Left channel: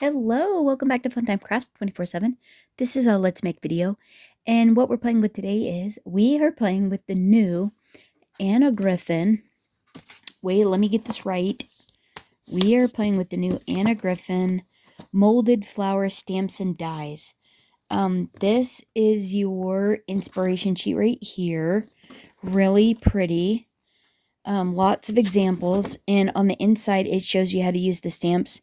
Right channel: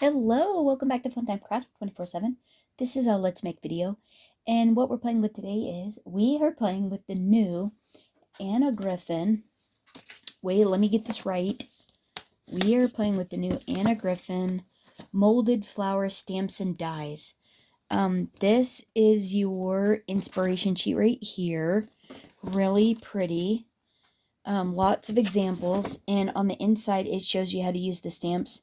Hello, welcome back to Funtime Crafts 24/7. This is a Let's Make video, and what we're playing with today is we are playing with the new Anna Griffin. Wait, let me get this right. We are playing with the new Anna Griffin molded flower stamps and dies. This is your inspiration sheet right here. Really pretty. Lots of examples, and on the inside it shows you how to use the stamps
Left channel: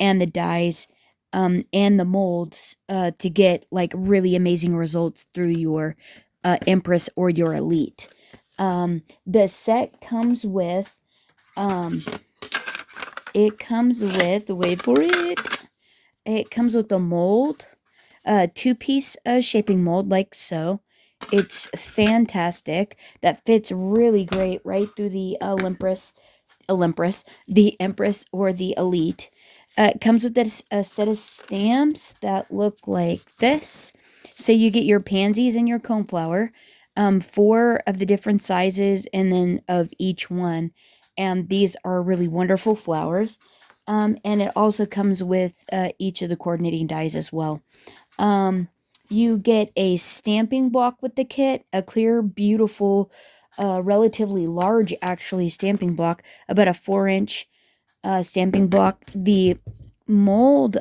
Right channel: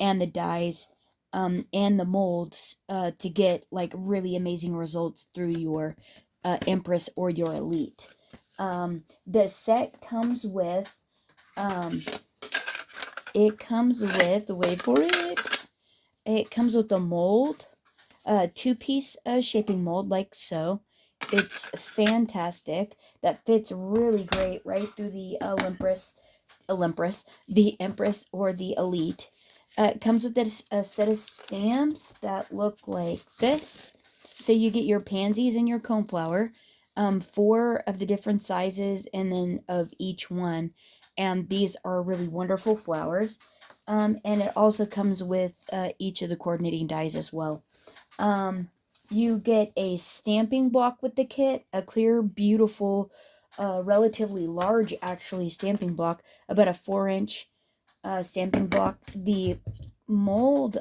and the dies and the molds to get like really amazing results through your Empress or your Elite. The set comes with, wait for it, it comes with a mold, a two-piece shaping mold like so. It's fantastic. That fits really great right through the the Empress or the Elite. It comes with this a set of stamps that look like this. So you get your pansies and your coneflower, four of the different sizes and then of each one. And these are really wonderful flowers. And it also comes with each of the coordinating dies as well. You get a stamping block with the kit, a clear, beautiful, relatively large actually stamping block, about a 4-inch stamping block. The mold,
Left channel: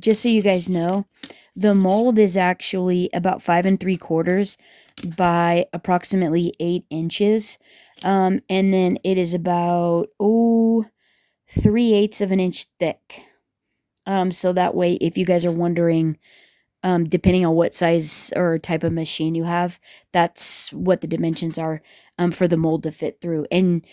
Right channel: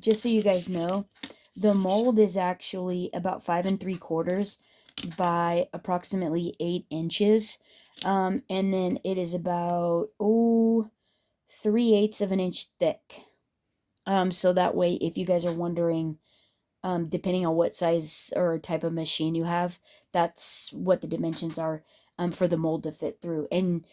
just so you guys know, the mold is actually about 5 3/4 by approximately 8 inches. And then it is about 3/8 of an inch thick. So that way, if you guys are wondering, depending on what size or type of machine you have, that's what the dimensions are for the mold to fit through. And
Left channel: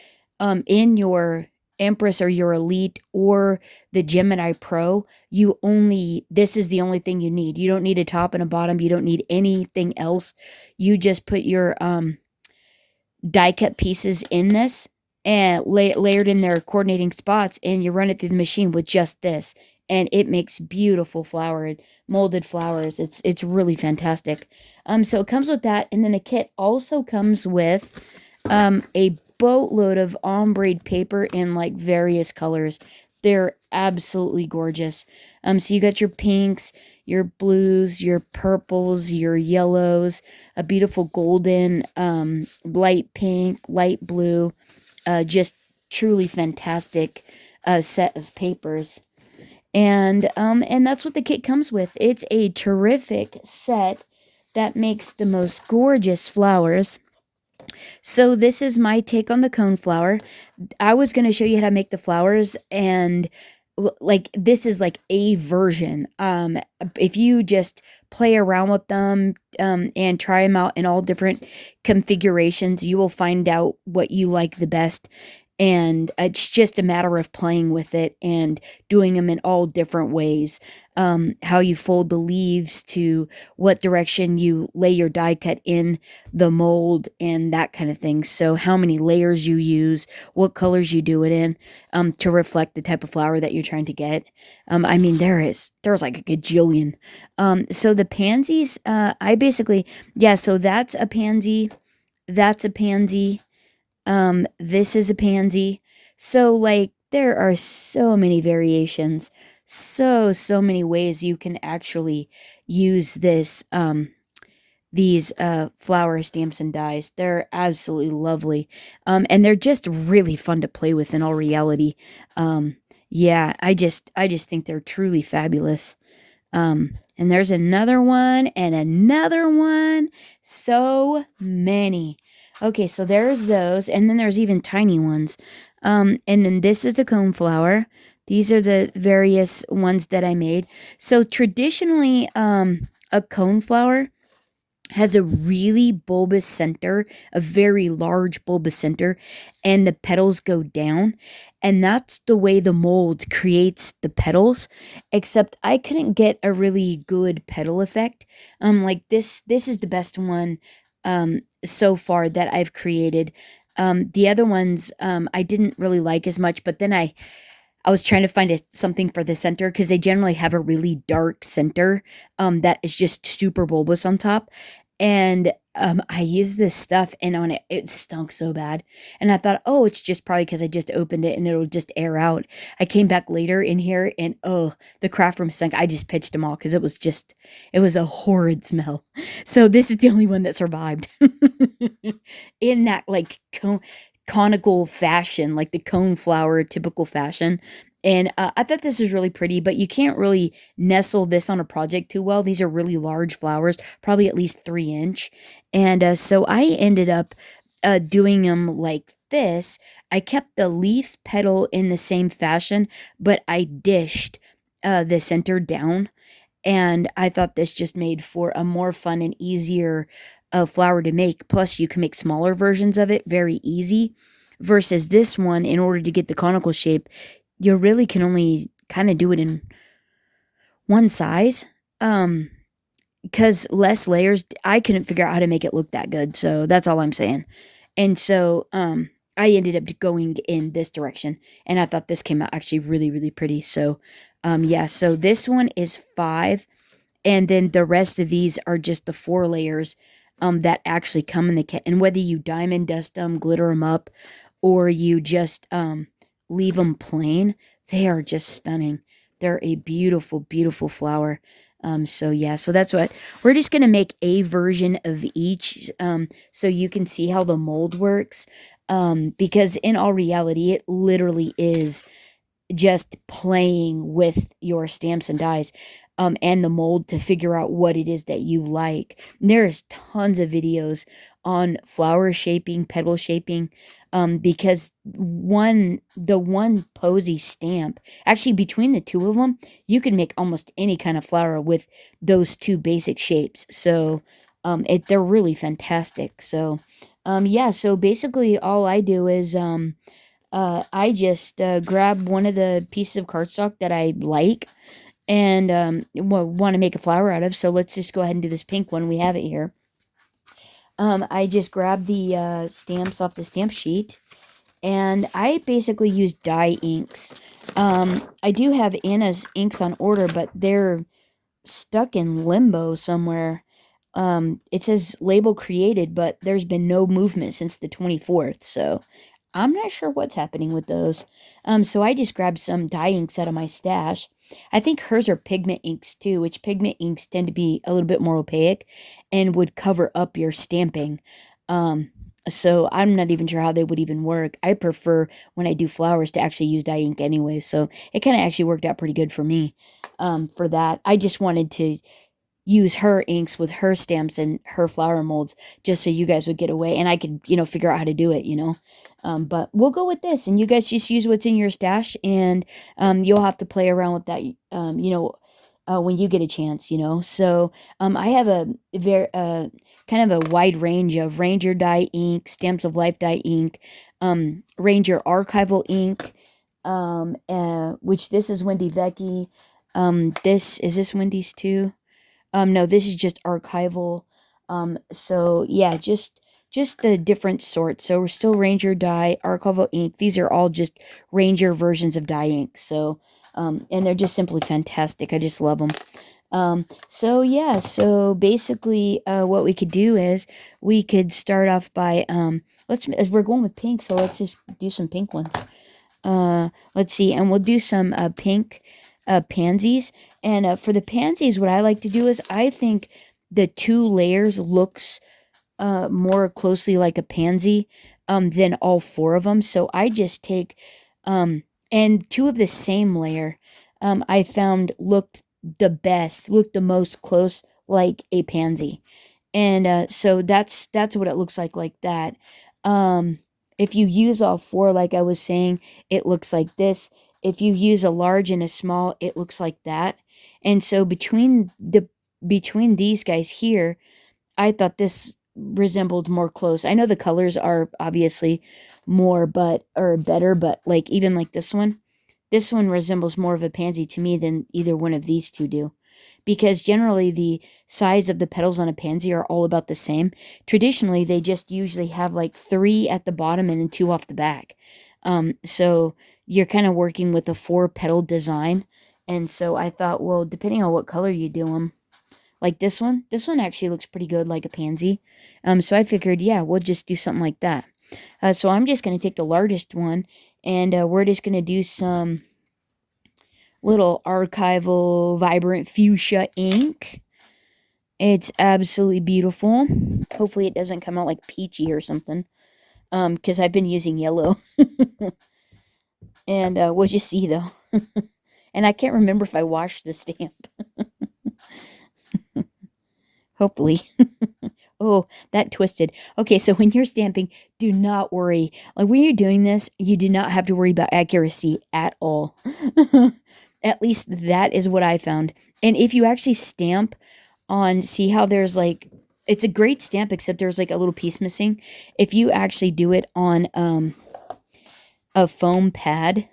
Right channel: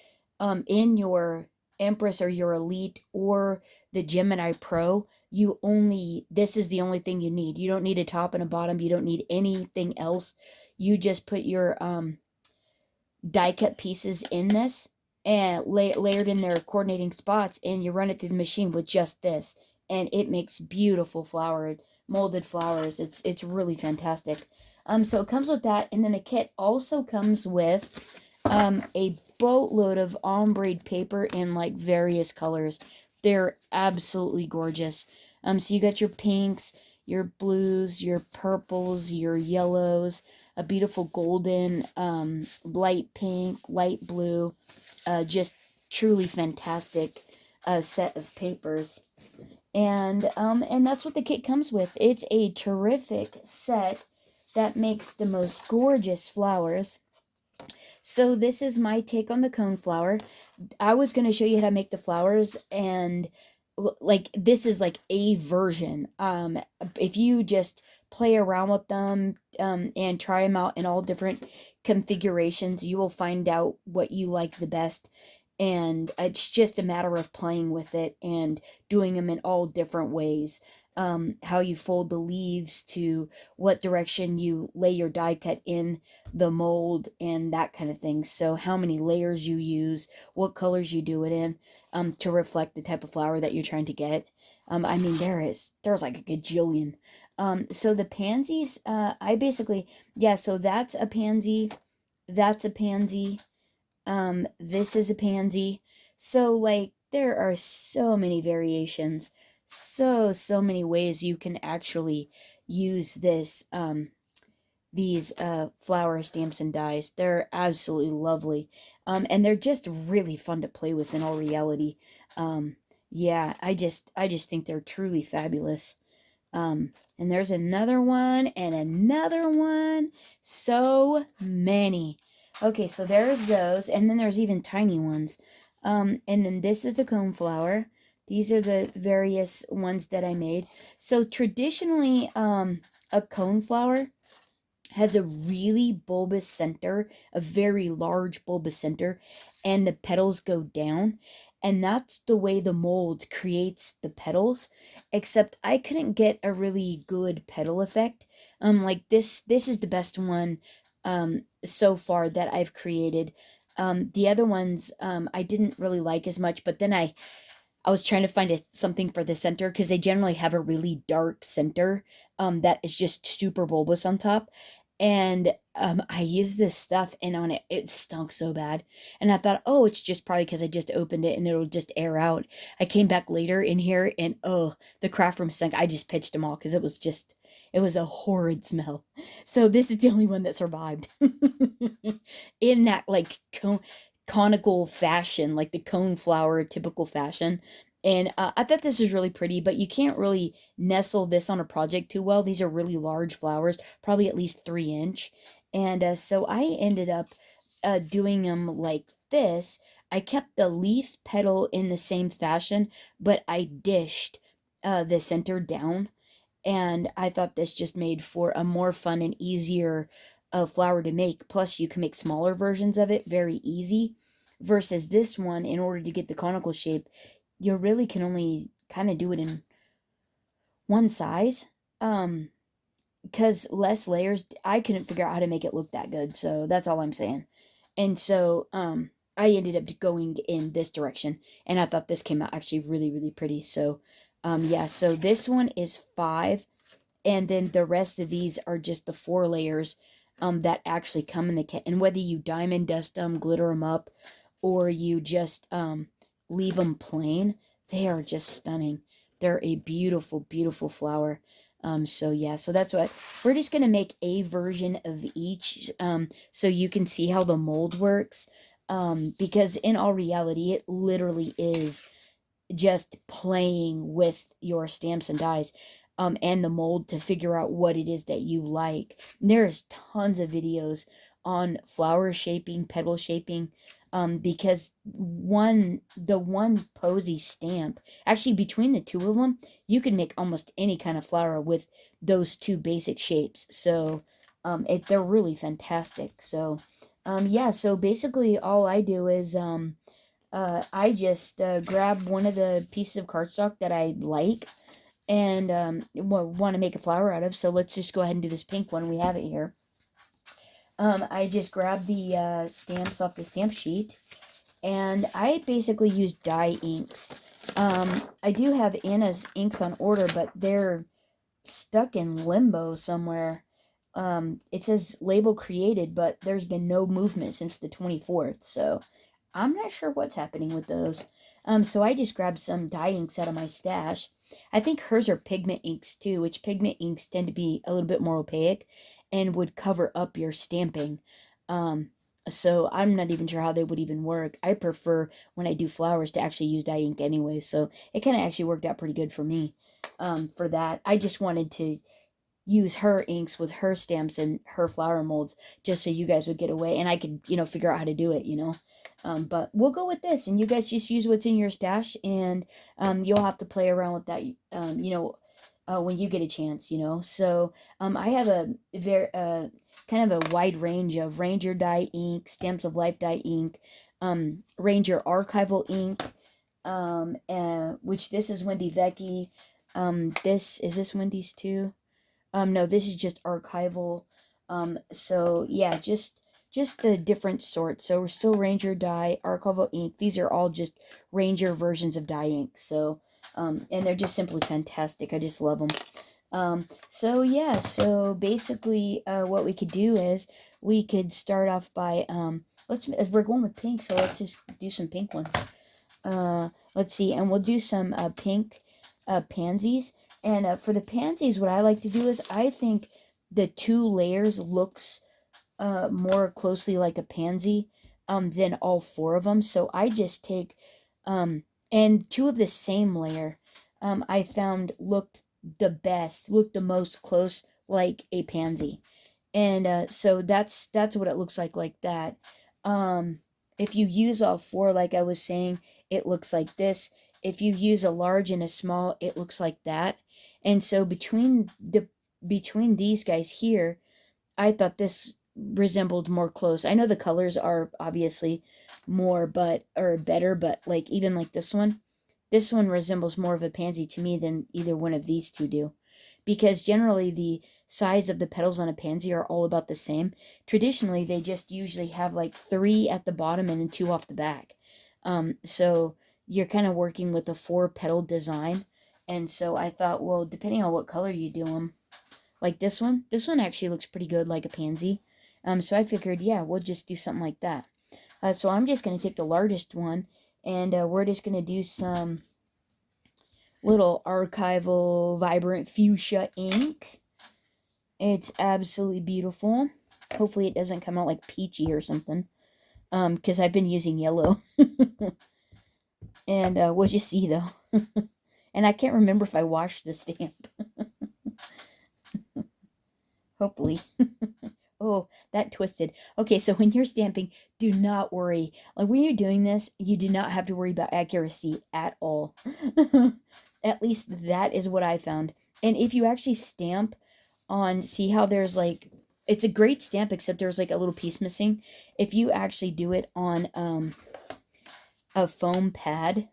in your Empress or your Elite or the Gemini Pro, this is the only thing you need. You don't need a top and a bottom. You don't need anything else. You just put your die cut pieces in this and layered in their coordinating spots, and you run it through the machine with just this, and it makes beautiful molded flowers. It's really fantastic. So it comes with that, and then the kit also comes with a boatload of ombre paper in like various colors. They're absolutely gorgeous. So you got your pinks, your blues, your purples, your yellows, a beautiful golden, light pink, light blue, just truly fantastic set of papers. And that's what the kit comes with. It's a terrific set that makes the most gorgeous flowers. So this is my take on the coneflower. I was going to show you how to make the flowers, and like this is like a version. If you just play around with them and try them out in all different configurations, you will find out what you like the best. And it's just a matter of playing with it and doing them in all different ways. How you fold the leaves, to what direction you lay your die cut in the mold, and that kind of thing. So how many layers you use, what colors you do it in, to reflect the type of flower that you're trying to get. I mean, there's like a gajillion. So the pansies, so that's a pansy, that's a pansy, this is a pansy. So like there are so many variations, so many ways you can actually use these flower stamps and dies. They're absolutely lovely. And they're just really fun to play with in all reality. Yeah, I just think they're truly fabulous. And there's another one and another one. So many. Okay, so there's those, and then there's even tiny ones. And then this is the coneflower. These are the various ones that I made. So traditionally, a coneflower has a really bulbous center, a very large bulbous center, and the petals go down. And that's the way the mold creates the petals, except I couldn't get a really good petal effect. Like this is the best one so far that I've created. The other ones I didn't really like as much, but then I was trying to find something for the center, because they generally have a really dark center that is just super bulbous on top. And I used this stuff, and on it, it stunk so bad. And I thought, oh, it's just probably because I just opened it and it'll just air out. I came back later in here, and oh, the craft room stunk. I just pitched them all because it was a horrid smell. So this is the only one that survived in that like conical fashion, like the cone flower typical fashion. And I thought this is really pretty, but you can't really nestle this on a project too well. These are really large flowers, probably at least 3 inch. And so I ended up doing them like this. I kept the leaf petal in the same fashion, but I dished the center down. And I thought this just made for a more fun and easier flower to make. Plus, you can make smaller versions of it very easy. Versus this one, in order to get the conical shape, you really can only kind of do it in one size. Because less layers, I couldn't figure out how to make it look that good. So that's all I'm saying. And so I ended up going in this direction, and I thought this came out actually really, really pretty. So yeah, so this one is 5, and then the rest of these are just the 4 layers that actually come in the kit. And whether you diamond dust them, glitter them up, or you just leave them plain, they are just stunning. They're a beautiful, beautiful flower. So yeah, so that's what we're just gonna make a version of each, so you can see how the mold works. Because in all reality, it literally is just playing with your stamps and dies, and the mold to figure out what it is that you like. And there's tons of videos on flower shaping, petal shaping, because the one posy stamp, actually between the two of them, you can make almost any kind of flower with those two basic shapes. So they're really fantastic. So yeah, so basically all I do is I just grab one of the pieces of cardstock that I like and want to make a flower out of. So let's just go ahead and do this pink one. We have it here. I just grab the stamps off the stamp sheet, and I basically use dye inks. I do have Anna's inks on order, but they're stuck in limbo somewhere. It says label created, but there's been no movement since the 24th, so I'm not sure what's happening with those. So I just grabbed some dye inks out of my stash. I think hers are pigment inks too, which pigment inks tend to be a little bit more opaque and would cover up your stamping. Um, so I'm not even sure how they would even work. I prefer when I do flowers to actually use dye ink anyway, so it kind of actually worked out pretty good for me. For that, I just wanted to use her inks with her stamps and her flower molds just so you guys would get away and I could, figure out how to do it, but we'll go with this, and you guys just use what's in your stash, and you'll have to play around with that, when you get a chance, So I have a very kind of a wide range of Ranger dye ink, Stamps of Life dye ink, Ranger archival ink, which this is Wendy Vecchi. This Wendy's too? No, this is just archival. So yeah, just the different sorts. So we're still Ranger dye, archival ink. These are all just Ranger versions of dye ink. So and they're just simply fantastic. I just love them. So yeah, so basically what we could do is we could start off by we're going with pink, so let's just do some pink ones. Let's see, and we'll do some pink pansies. And for the pansies, what I like to do is I think the 2 layers looks more closely like a pansy than all 4 of them. So I just take and 2 of the same layer I found looked the most close like a pansy. And so that's what it looks like that. Um, if you use all 4, like I was saying, it looks like this. If you use a large and a small, it looks like that. And so between these guys here, I thought this resembled more close. I know the colors are obviously more but or better, but like even like this one resembles more of a pansy to me than either one of these two do. Because generally the size of the petals on a pansy are all about the same. Traditionally, they just usually have like 3 at the bottom and then 2 off the back. So you're kind of working with a 4 petal design. And so I thought, well, depending on what color you do them, Like this one actually looks pretty good, like a pansy. So I figured, yeah, we'll just do something like that. So I'm just going to take the largest one, and we're just going to do some little archival vibrant fuchsia ink. It's absolutely beautiful. Hopefully it doesn't come out like peachy or something. Because I've been using yellow. And we'll just see though. And I can't remember if I washed the stamp. Hopefully. Oh, that twisted. Okay, so when you're stamping, do not worry. Like when you're doing this, you do not have to worry about accuracy at all. At least that is what I found. And if you actually stamp on, see how there's like, it's a great stamp except there's like a little piece missing. If you actually do it on a foam pad,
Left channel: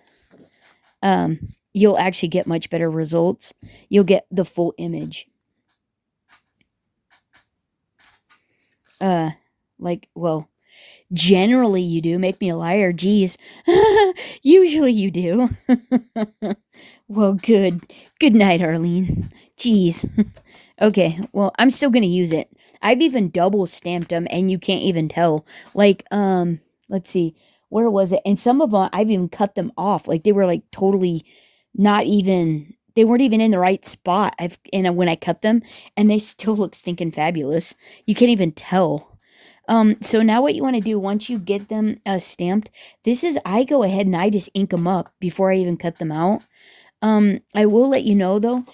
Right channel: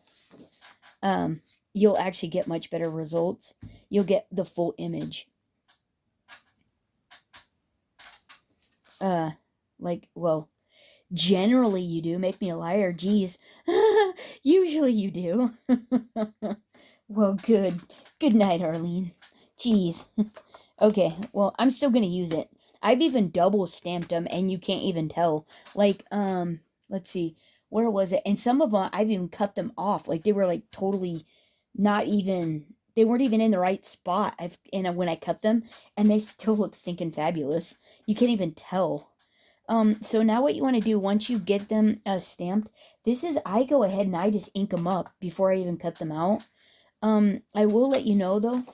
you'll actually get much better results. You'll get the full image. Like, well, generally you do. Make me a liar, geez. Usually you do. Well, good night, Arlene. Jeez. Okay, well, I'm still gonna use it. I've even double stamped them and you can't even tell. Like, let's see, where was it? And some of them I've even cut them off. Like they were like totally not even, they weren't even in the right spot. I've and when I cut them, and they still look stinking fabulous. You can't even tell. So now what you want to do once you get them stamped, this is, I go ahead and I just ink them up before I even cut them out. I will let you know though,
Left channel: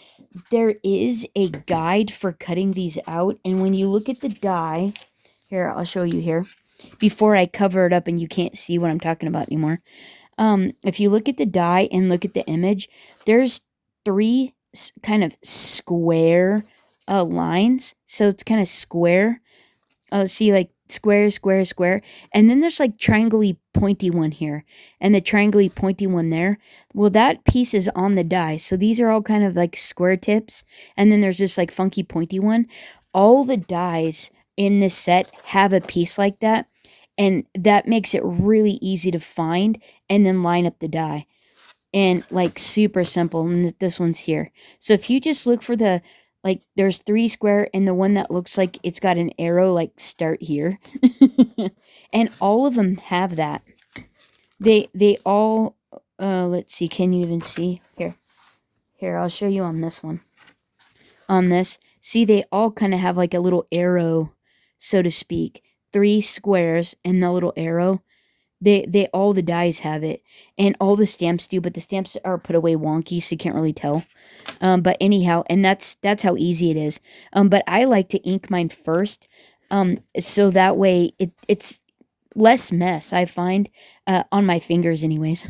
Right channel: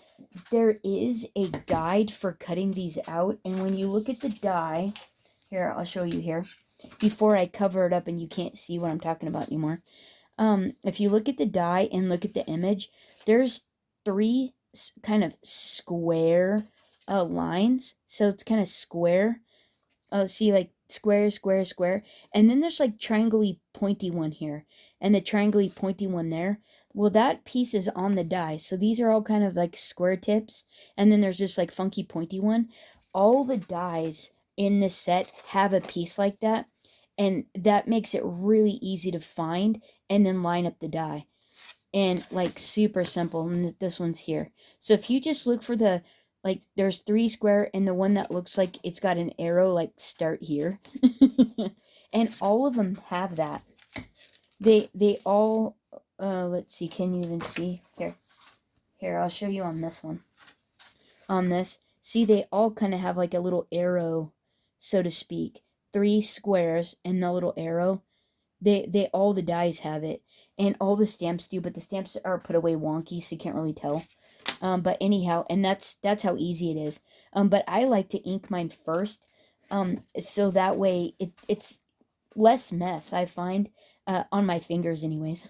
there is a guide for cutting these out, and when you look at the die, here, I'll show you here, before I cover it up and you can't see what I'm talking about anymore. If you look at the die and look at the image, there's three kind of square lines, so it's kind of square. See, like square, square, square, and then there's like triangle-y pointy one here, and the triangle-y pointy one there. Well, that piece is on the die, so these are all kind of like square tips, and then there's this like funky pointy one. All the dies in this set have a piece like that, and that makes it really easy to find and then line up the die. And like super simple, and this one's here. So if you just look for the, like there's three square, and the one that looks like it's got an arrow, like start here. And all of them have that. They all let's see, can you even see here, I'll show you on this one. On this, see, they all kind of have like a little arrow, so to speak. Three squares and the little arrow. They all the dies have it, and all the stamps do, but the stamps are put away wonky, so you can't really tell. But anyhow, and that's how easy it is. But I like to ink mine first, so that way it's less mess, I find, on my fingers anyways.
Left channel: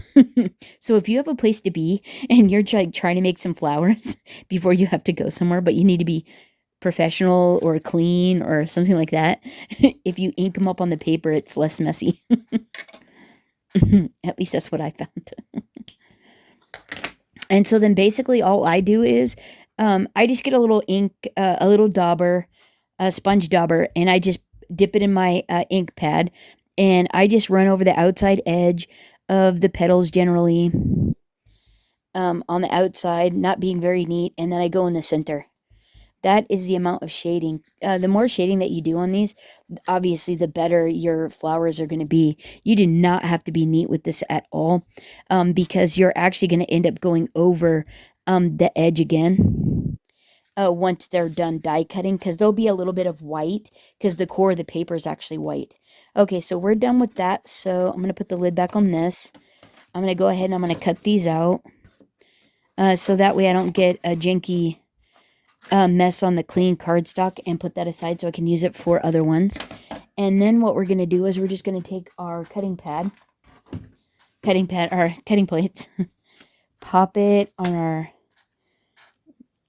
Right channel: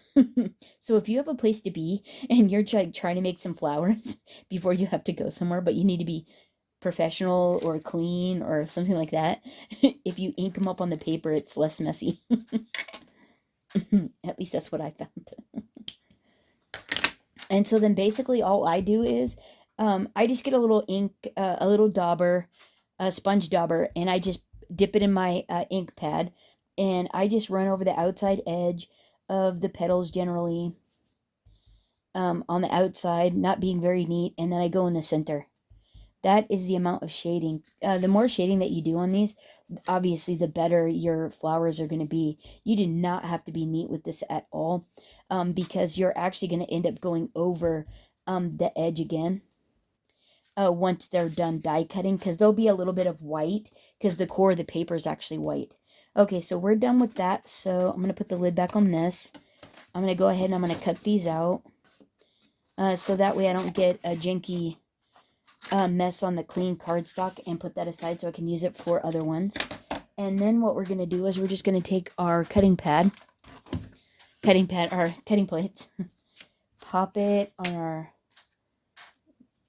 So if you have a place to be and you're trying to make some flowers before you have to go somewhere, but you need to be professional or clean or something like that, if you ink them up on the paper, it's less messy. At least that's what I found. And so then basically all I do is I just get a little ink, a little dauber, a sponge dauber, and I just dip it in my ink pad, and I just run over the outside edge of the petals generally, on the outside, not being very neat, and then I go in the center. That is the amount of shading. The more shading that you do on these, obviously, the better your flowers are going to be. You do not have to be neat with this at all, because you're actually going to end up going over the edge again once they're done die cutting, because there'll be a little bit of white, because the core of the paper is actually white. Okay, so we're done with that, so I'm going to put the lid back on this. I'm going to go ahead and I'm going to cut these out, so that way I don't get a janky mess on the clean cardstock, and put that aside so I can use it for other ones. And then what we're going to do is we're just going to take our cutting plates, pop it on our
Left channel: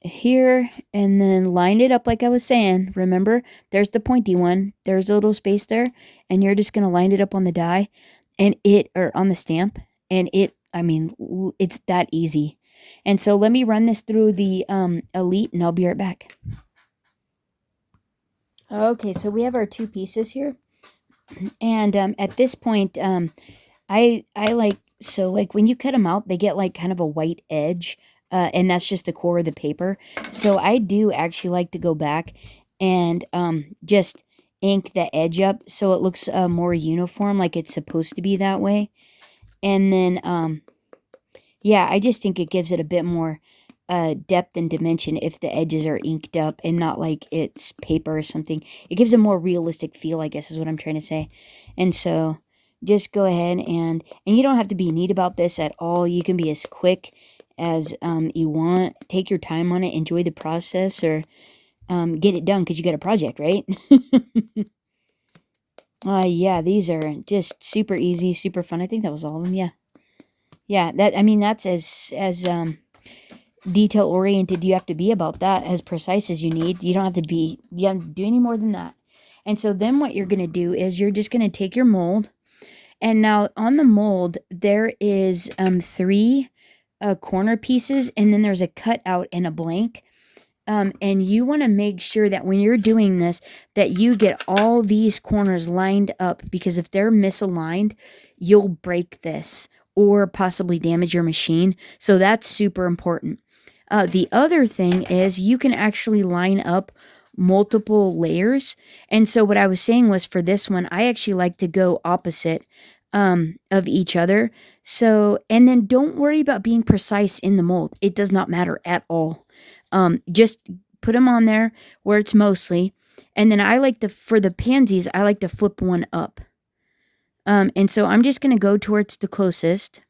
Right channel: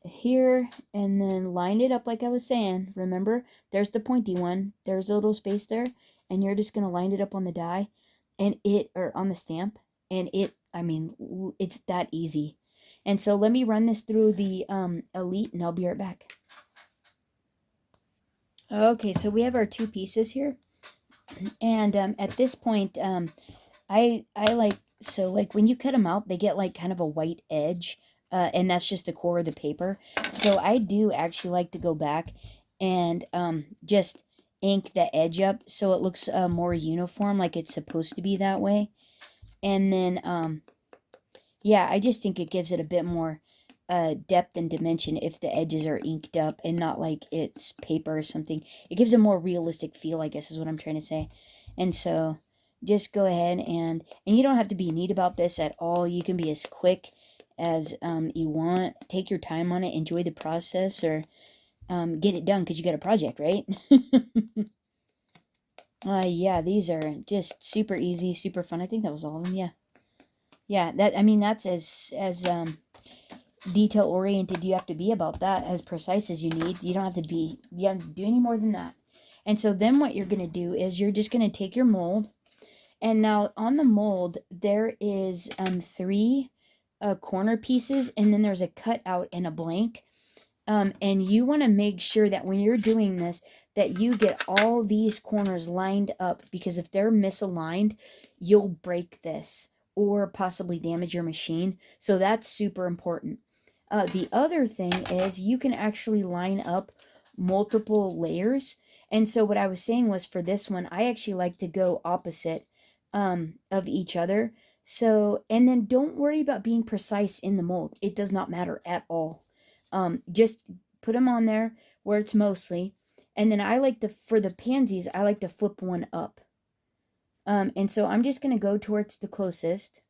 here, and then line it up like I was saying. Remember, there's the pointy one, there's a little space there, and you're just going to line it up on the die, and or on the stamp, and I mean, it's that easy. And so let me run this through the Elite, and I'll be right back. Okay, so we have our two pieces here. And at this point, I like, so like when you cut them out, they get like kind of a white edge and that's just the core of the paper. So I do actually like to go back and just ink the edge up so it looks more uniform, like it's supposed to be that way. And then yeah, I just think it gives it a bit more depth and dimension if the edges are inked up and not like it's paper or something. It gives a more realistic feel, I guess is what I'm trying to say. And so just go ahead and you don't have to be neat about this at all. You can be as quick as you want. Take your time on it. Enjoy the process, or get it done because you got a project, right? Yeah, these are just super easy, super fun. I think that was all of them. Yeah. Yeah, that, I mean, that's as detail oriented you have to be about that, as precise as you need. You don't have to be, you don't have to do any more than that. And so then what you're going to do is you're just going to take your mold, and now on the mold there is three corner pieces, and then there's a cutout and a blank. And you want to make sure that when you're doing this, that you get all these corners lined up, because if they're misaligned, you'll break this or possibly damage your machine. So that's super important. The other thing is you can actually line up multiple layers. And so what I was saying was, for this one, I actually like to go opposite of each other. So, and then don't worry about being precise in the mold. It does not matter at all. Just put them on there where it's mostly. And then I like to, for the pansies, I like to flip one up. And so I'm just going to go towards the closest,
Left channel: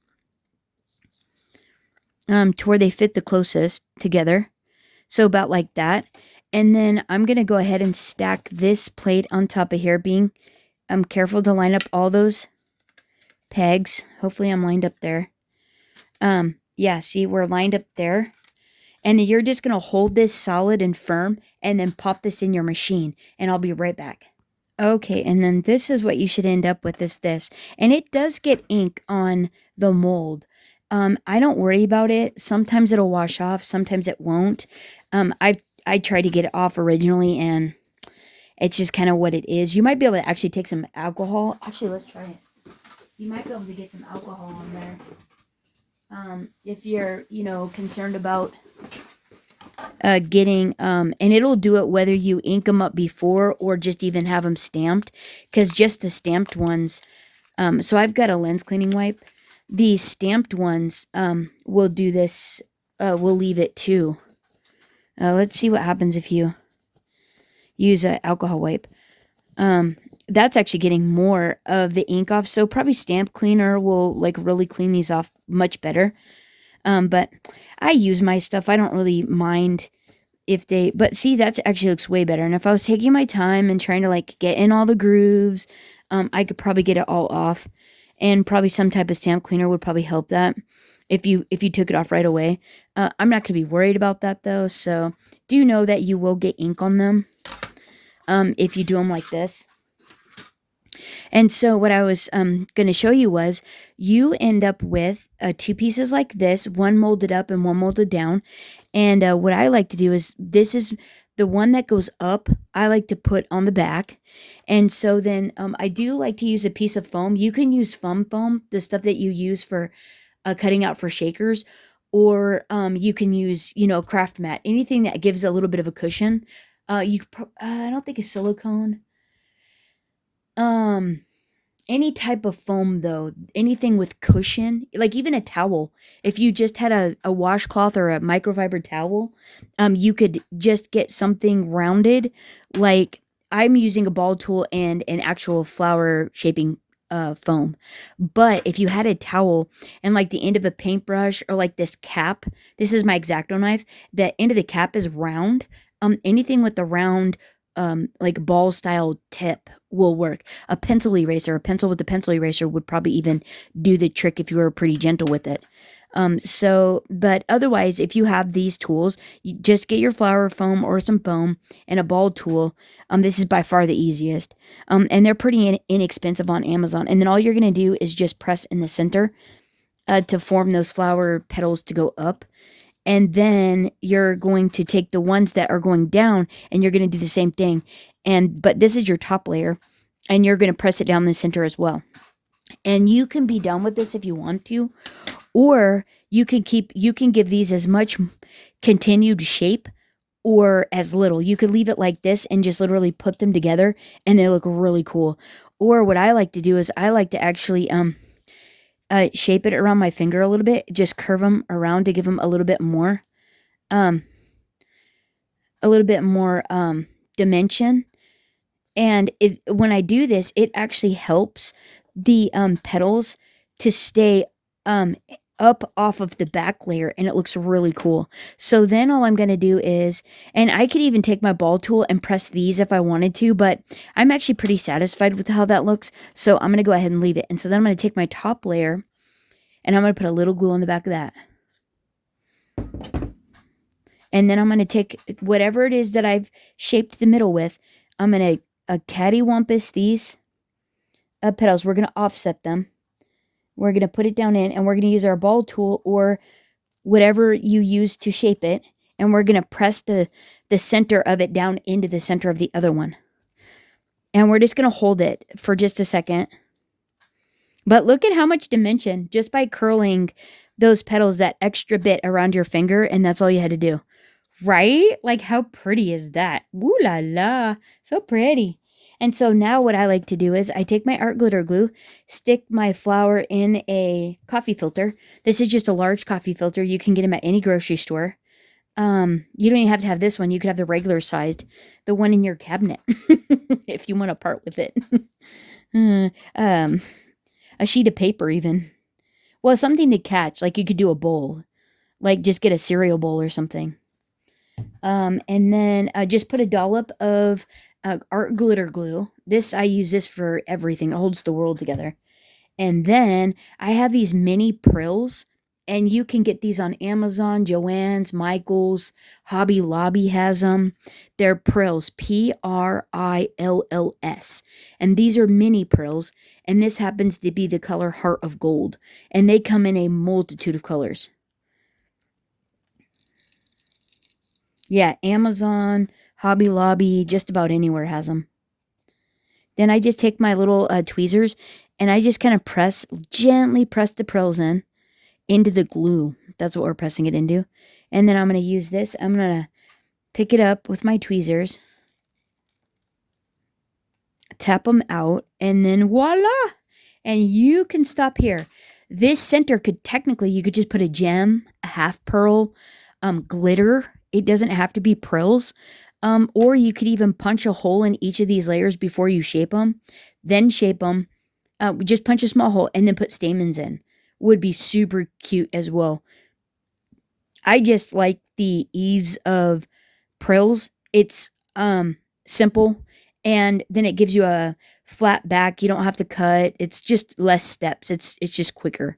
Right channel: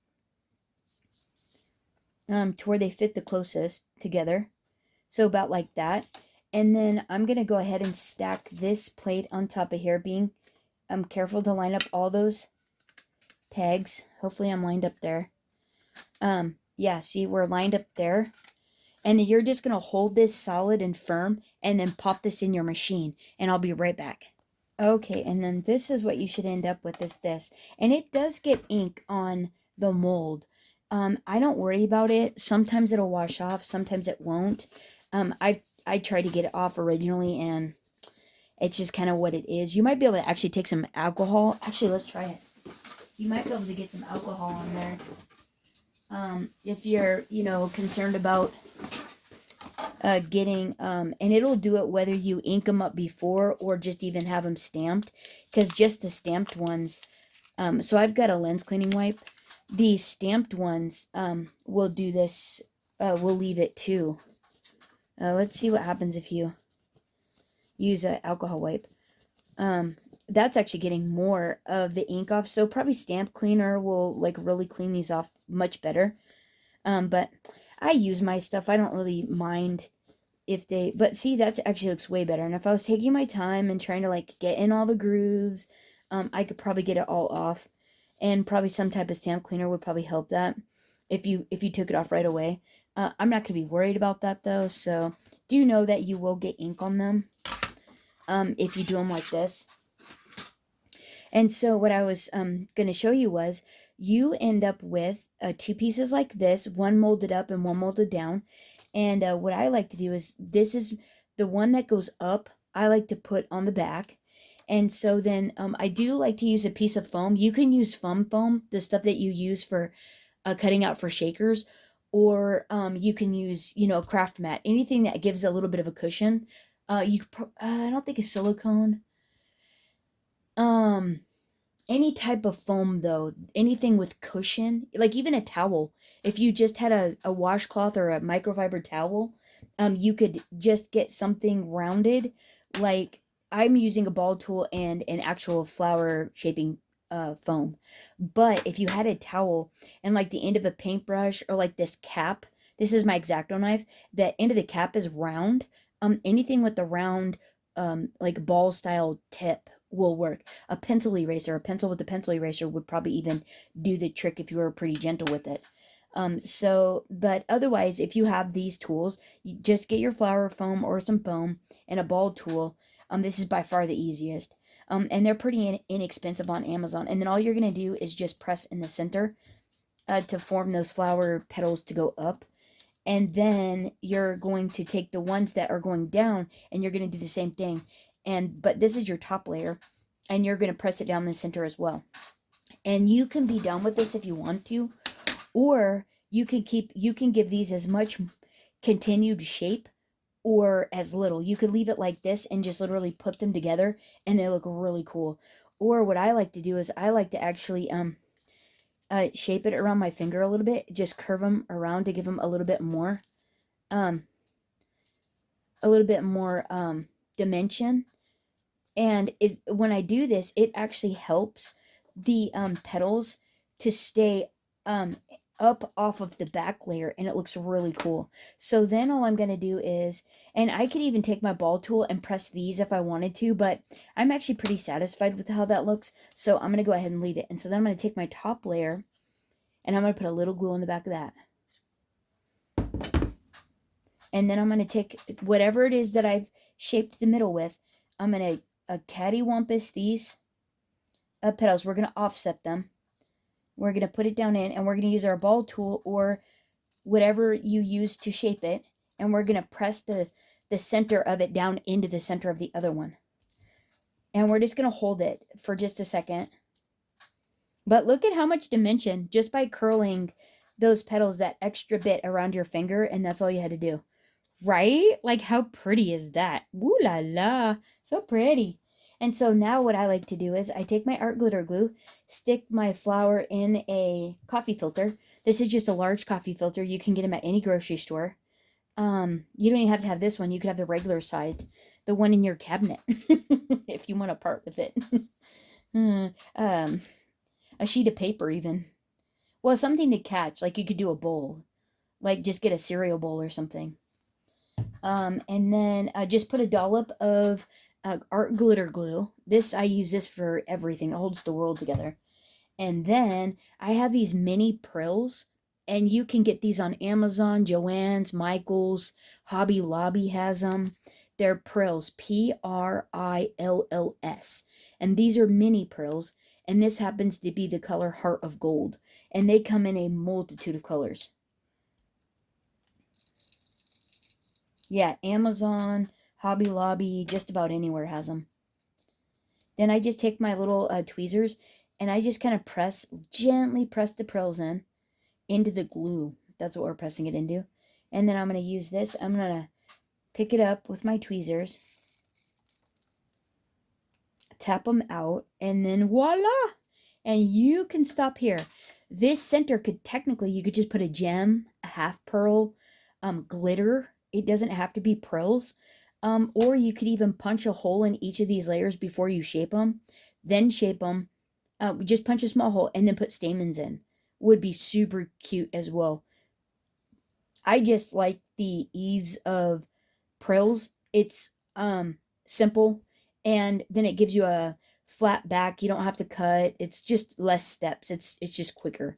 to where they fit the closest together. So about like that. And then I'm going to go ahead and stack this plate on top of here, being careful to line up all those pegs. Hopefully I'm lined up there. Yeah, see, we're lined up there. And then you're just going to hold this solid and firm and then pop this in your machine, and I'll be right back. Okay, and then this is what you should end up with, is this. And it does get ink on the mold. I don't worry about it. Sometimes it'll wash off, sometimes it won't. I tried to get it off originally, and it's just kind of what it is. You might be able to actually take some alcohol. Actually, let's try it. You might be able to get some alcohol on there. If you're, concerned about getting, and it'll do it whether you ink them up before or just even have them stamped, because just the stamped ones, so I've got a lens cleaning wipe. These stamped ones will do this, will leave it too. Let's see what happens if you use an alcohol wipe. That's actually getting more of the ink off, so probably stamp cleaner will like really clean these off much better. But I use my stuff. I don't really mind if they, but see, that actually looks way better. And if I was taking my time and trying to like get in all the grooves, I could probably get it all off, and probably some type of stamp cleaner would probably help that if you took it off right away. I'm not going to be worried about that though. So do know that you will get ink on them if you do them like this. And so what I was going to show you was, you end up with two pieces like this, one molded up and one molded down. And what I like to do is, this is the one that goes up, I like to put on the back. And so then I do like to use a piece of foam. You can use foam, the stuff that you use for cutting out for shakers, or you can use, craft mat, anything that gives a little bit of a cushion. I don't think a silicone. Any type of foam though, anything with cushion, like even a towel. If you just had a washcloth or a microfiber towel, you could just get something rounded. Like I'm using a ball tool and an actual flower shaping foam. But if you had a towel and like the end of a paintbrush, or like this cap, this is my X-Acto knife, the end of the cap is round. Anything with the round like ball style tip will work. A pencil eraser, a pencil with the pencil eraser would probably even do the trick if you were pretty gentle with it. But otherwise, if you have these tools, you just get your flower foam or some foam and a ball tool. This is by far the easiest. And they're pretty inexpensive on Amazon. And then all you're going to do is just press in the center to form those flower petals to go up. And then you're going to take the ones that are going down, and you're going to do the same thing. But this is your top layer, and you're going to press it down the center as well. And you can be done with this if you want to, or you can give these as much continued shape or as little. You could leave it like this and just literally put them together and they look really cool. Or what I like to do is I like to actually shape it around my finger a little bit, just curve them around to give them a little bit more um dimension. And when I do this, it actually helps the petals to stay up off of the back layer, and it looks really cool. So then all I'm going to do is, and I could even take my ball tool and press these if I wanted to, but I'm actually pretty satisfied with how that looks. So I'm going to go ahead and leave it. And so then I'm going to take my top layer and I'm going to put a little glue on the back of that. And then I'm going to take whatever it is that I've shaped the middle with. I'm going to cattywampus these petals. We're going to offset them. We're going to put it down in, and we're going to use our ball tool or whatever you use to shape it. And we're going to press the center of it down into the center of the other one. And we're just going to hold it for just a second. But look at how much dimension just by curling those petals that extra bit around your finger, and that's all you had to do. Right? Like, how pretty is that? Woo la la. So pretty. And so now what I like to do is I take my art glitter glue, stick my flower in a coffee filter. This is just a large coffee filter. You can get them at any grocery store. You don't even have to have this one. You could have the regular sized, the one in your cabinet, if you want to part with it. A sheet of paper even. Well, something to catch. Like you could do a bowl. Like just get a cereal bowl or something. And then just put a dollop of art glitter glue. I use this for everything. It holds the world together. And then I have these mini prills, and you can get these on Amazon, Joann's, Michael's, Hobby Lobby has them. They're prills, Prills. And these are mini prills, and this happens to be the color Heart of Gold. And they come in a multitude of colors. Yeah, Amazon, Hobby Lobby, just about anywhere has them. Then I just take my little tweezers and I just kind of gently press the prills into the glue. That's what we're pressing it into. And then I'm going to use this. I'm going to pick it up with my tweezers, tap them out, and then voila! And you can stop here. This center you could just put a gem, a half pearl, glitter. It doesn't have to be prills. Or you could even punch a hole in each of these layers before you shape them. Then shape them. Just punch a small hole and then put stamens in. Would be super cute as well. I just like the ease of prills. It's simple, and then it gives you a flat back. You don't have to cut. It's just less steps. It's just quicker.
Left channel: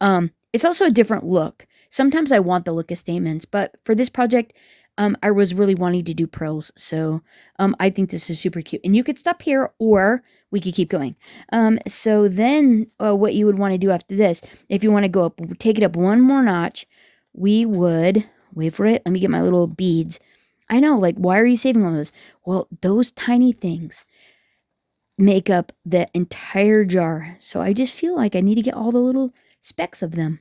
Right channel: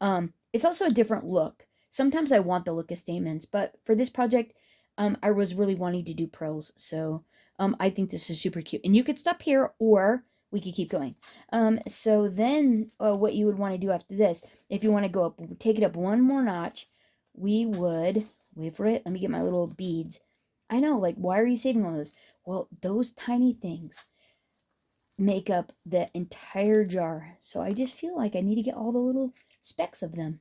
It's also a different look. Sometimes I want the look of stamens, but for this project, I was really wanting to do prills. So I think this is super cute. And you could stop here, or we could keep going. So then what you would want to do after this, if you want to go up, take it up one more notch, we would, wait for it, let me get my little beads. I know, like, why are you saving all those? Well, those tiny things make up the entire jar. So I just feel like I need to get all the little specks of them.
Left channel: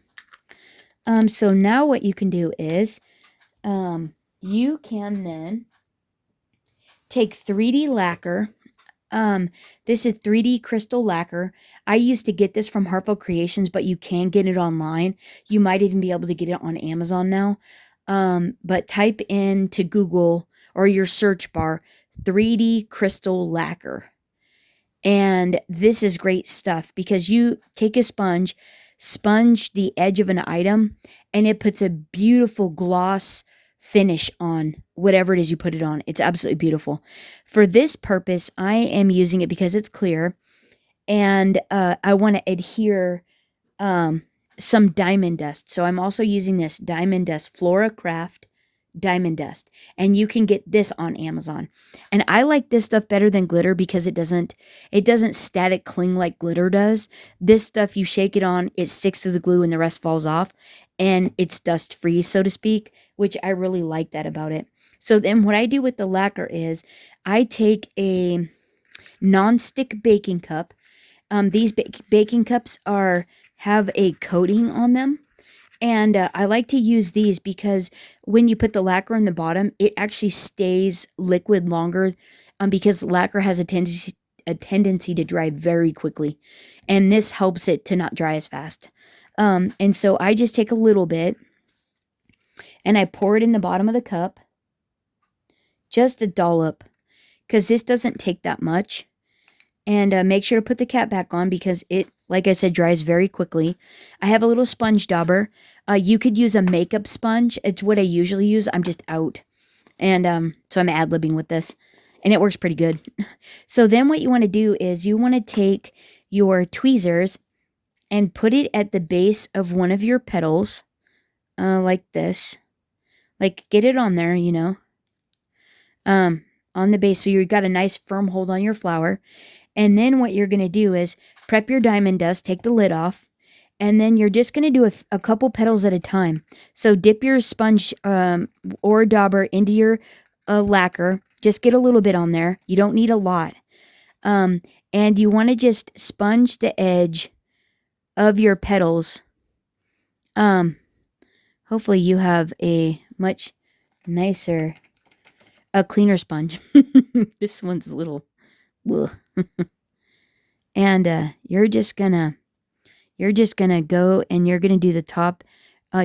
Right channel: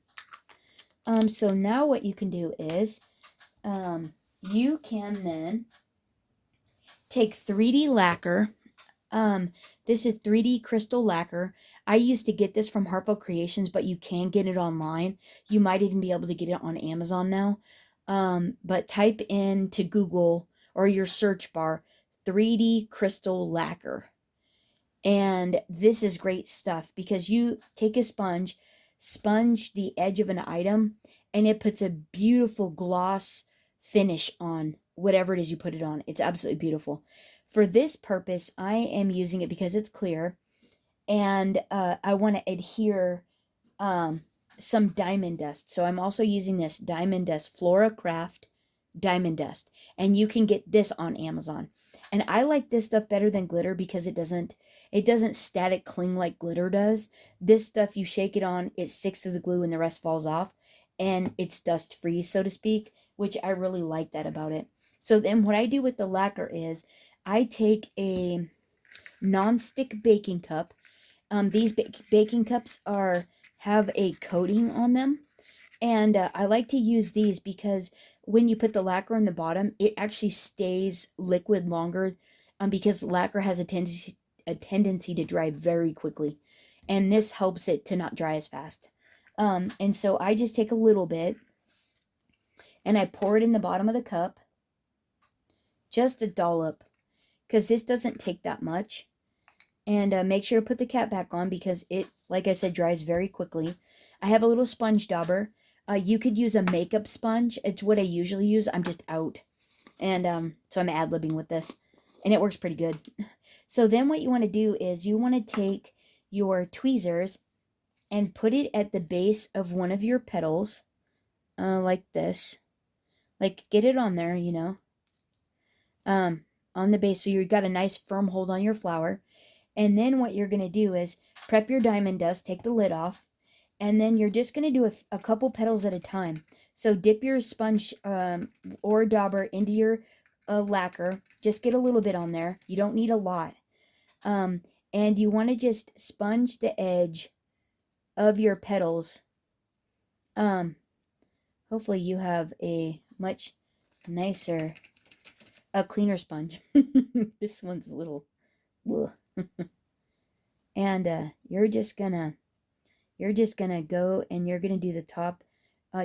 So now what you can do is, you can then take 3D lacquer. This is 3D crystal lacquer. I used to get this from Harpo Creations, but you can get it online. You might even be able to get it on Amazon now. But type into Google or your search bar, 3D crystal lacquer. And this is great stuff because you take a sponge the edge of an item, and it puts a beautiful gloss finish on whatever it is you put it on. It's absolutely beautiful. For this purpose, I am using it because it's clear, and I want to adhere some diamond dust. So I'm also using this diamond dust, Flora Craft diamond dust, and you can get this on Amazon. And I like this stuff better than glitter because it doesn't static cling like glitter does. This stuff, you shake it on, it sticks to the glue and the rest falls off, and it's dust free, so to speak, which I really like that about it. So then what I do with the lacquer is I take a non-stick baking cup. These baking cups have a coating on them, And I like to use these because when you put the lacquer in the bottom, it actually stays liquid longer, because lacquer has a tendency to dry very quickly. And this helps it to not dry as fast. And so I just take a little bit and I pour it in the bottom of the cup, just a dollop, because this doesn't take that much. And make sure to put the cap back on because it, like I said, dries very quickly. I have a little sponge dauber. You could use a makeup sponge. It's what I usually use. I'm just out. And so I'm ad-libbing with this. And it works pretty good. So then what you want to do is you want to take your tweezers and put it at the base of one of your petals. Like this. Like, get it on there, on the base. So you've got a nice firm hold on your flower. And then what you're going to do is prep your diamond dust, take the lid off, and then you're just going to do a couple petals at a time. So dip your sponge or dauber into your lacquer. Just get a little bit on there. You don't need a lot. And you want to just sponge the edge of your petals. Hopefully you have a much nicer, a cleaner sponge. This one's a little... ugh. And you're just gonna go and you're gonna do the top,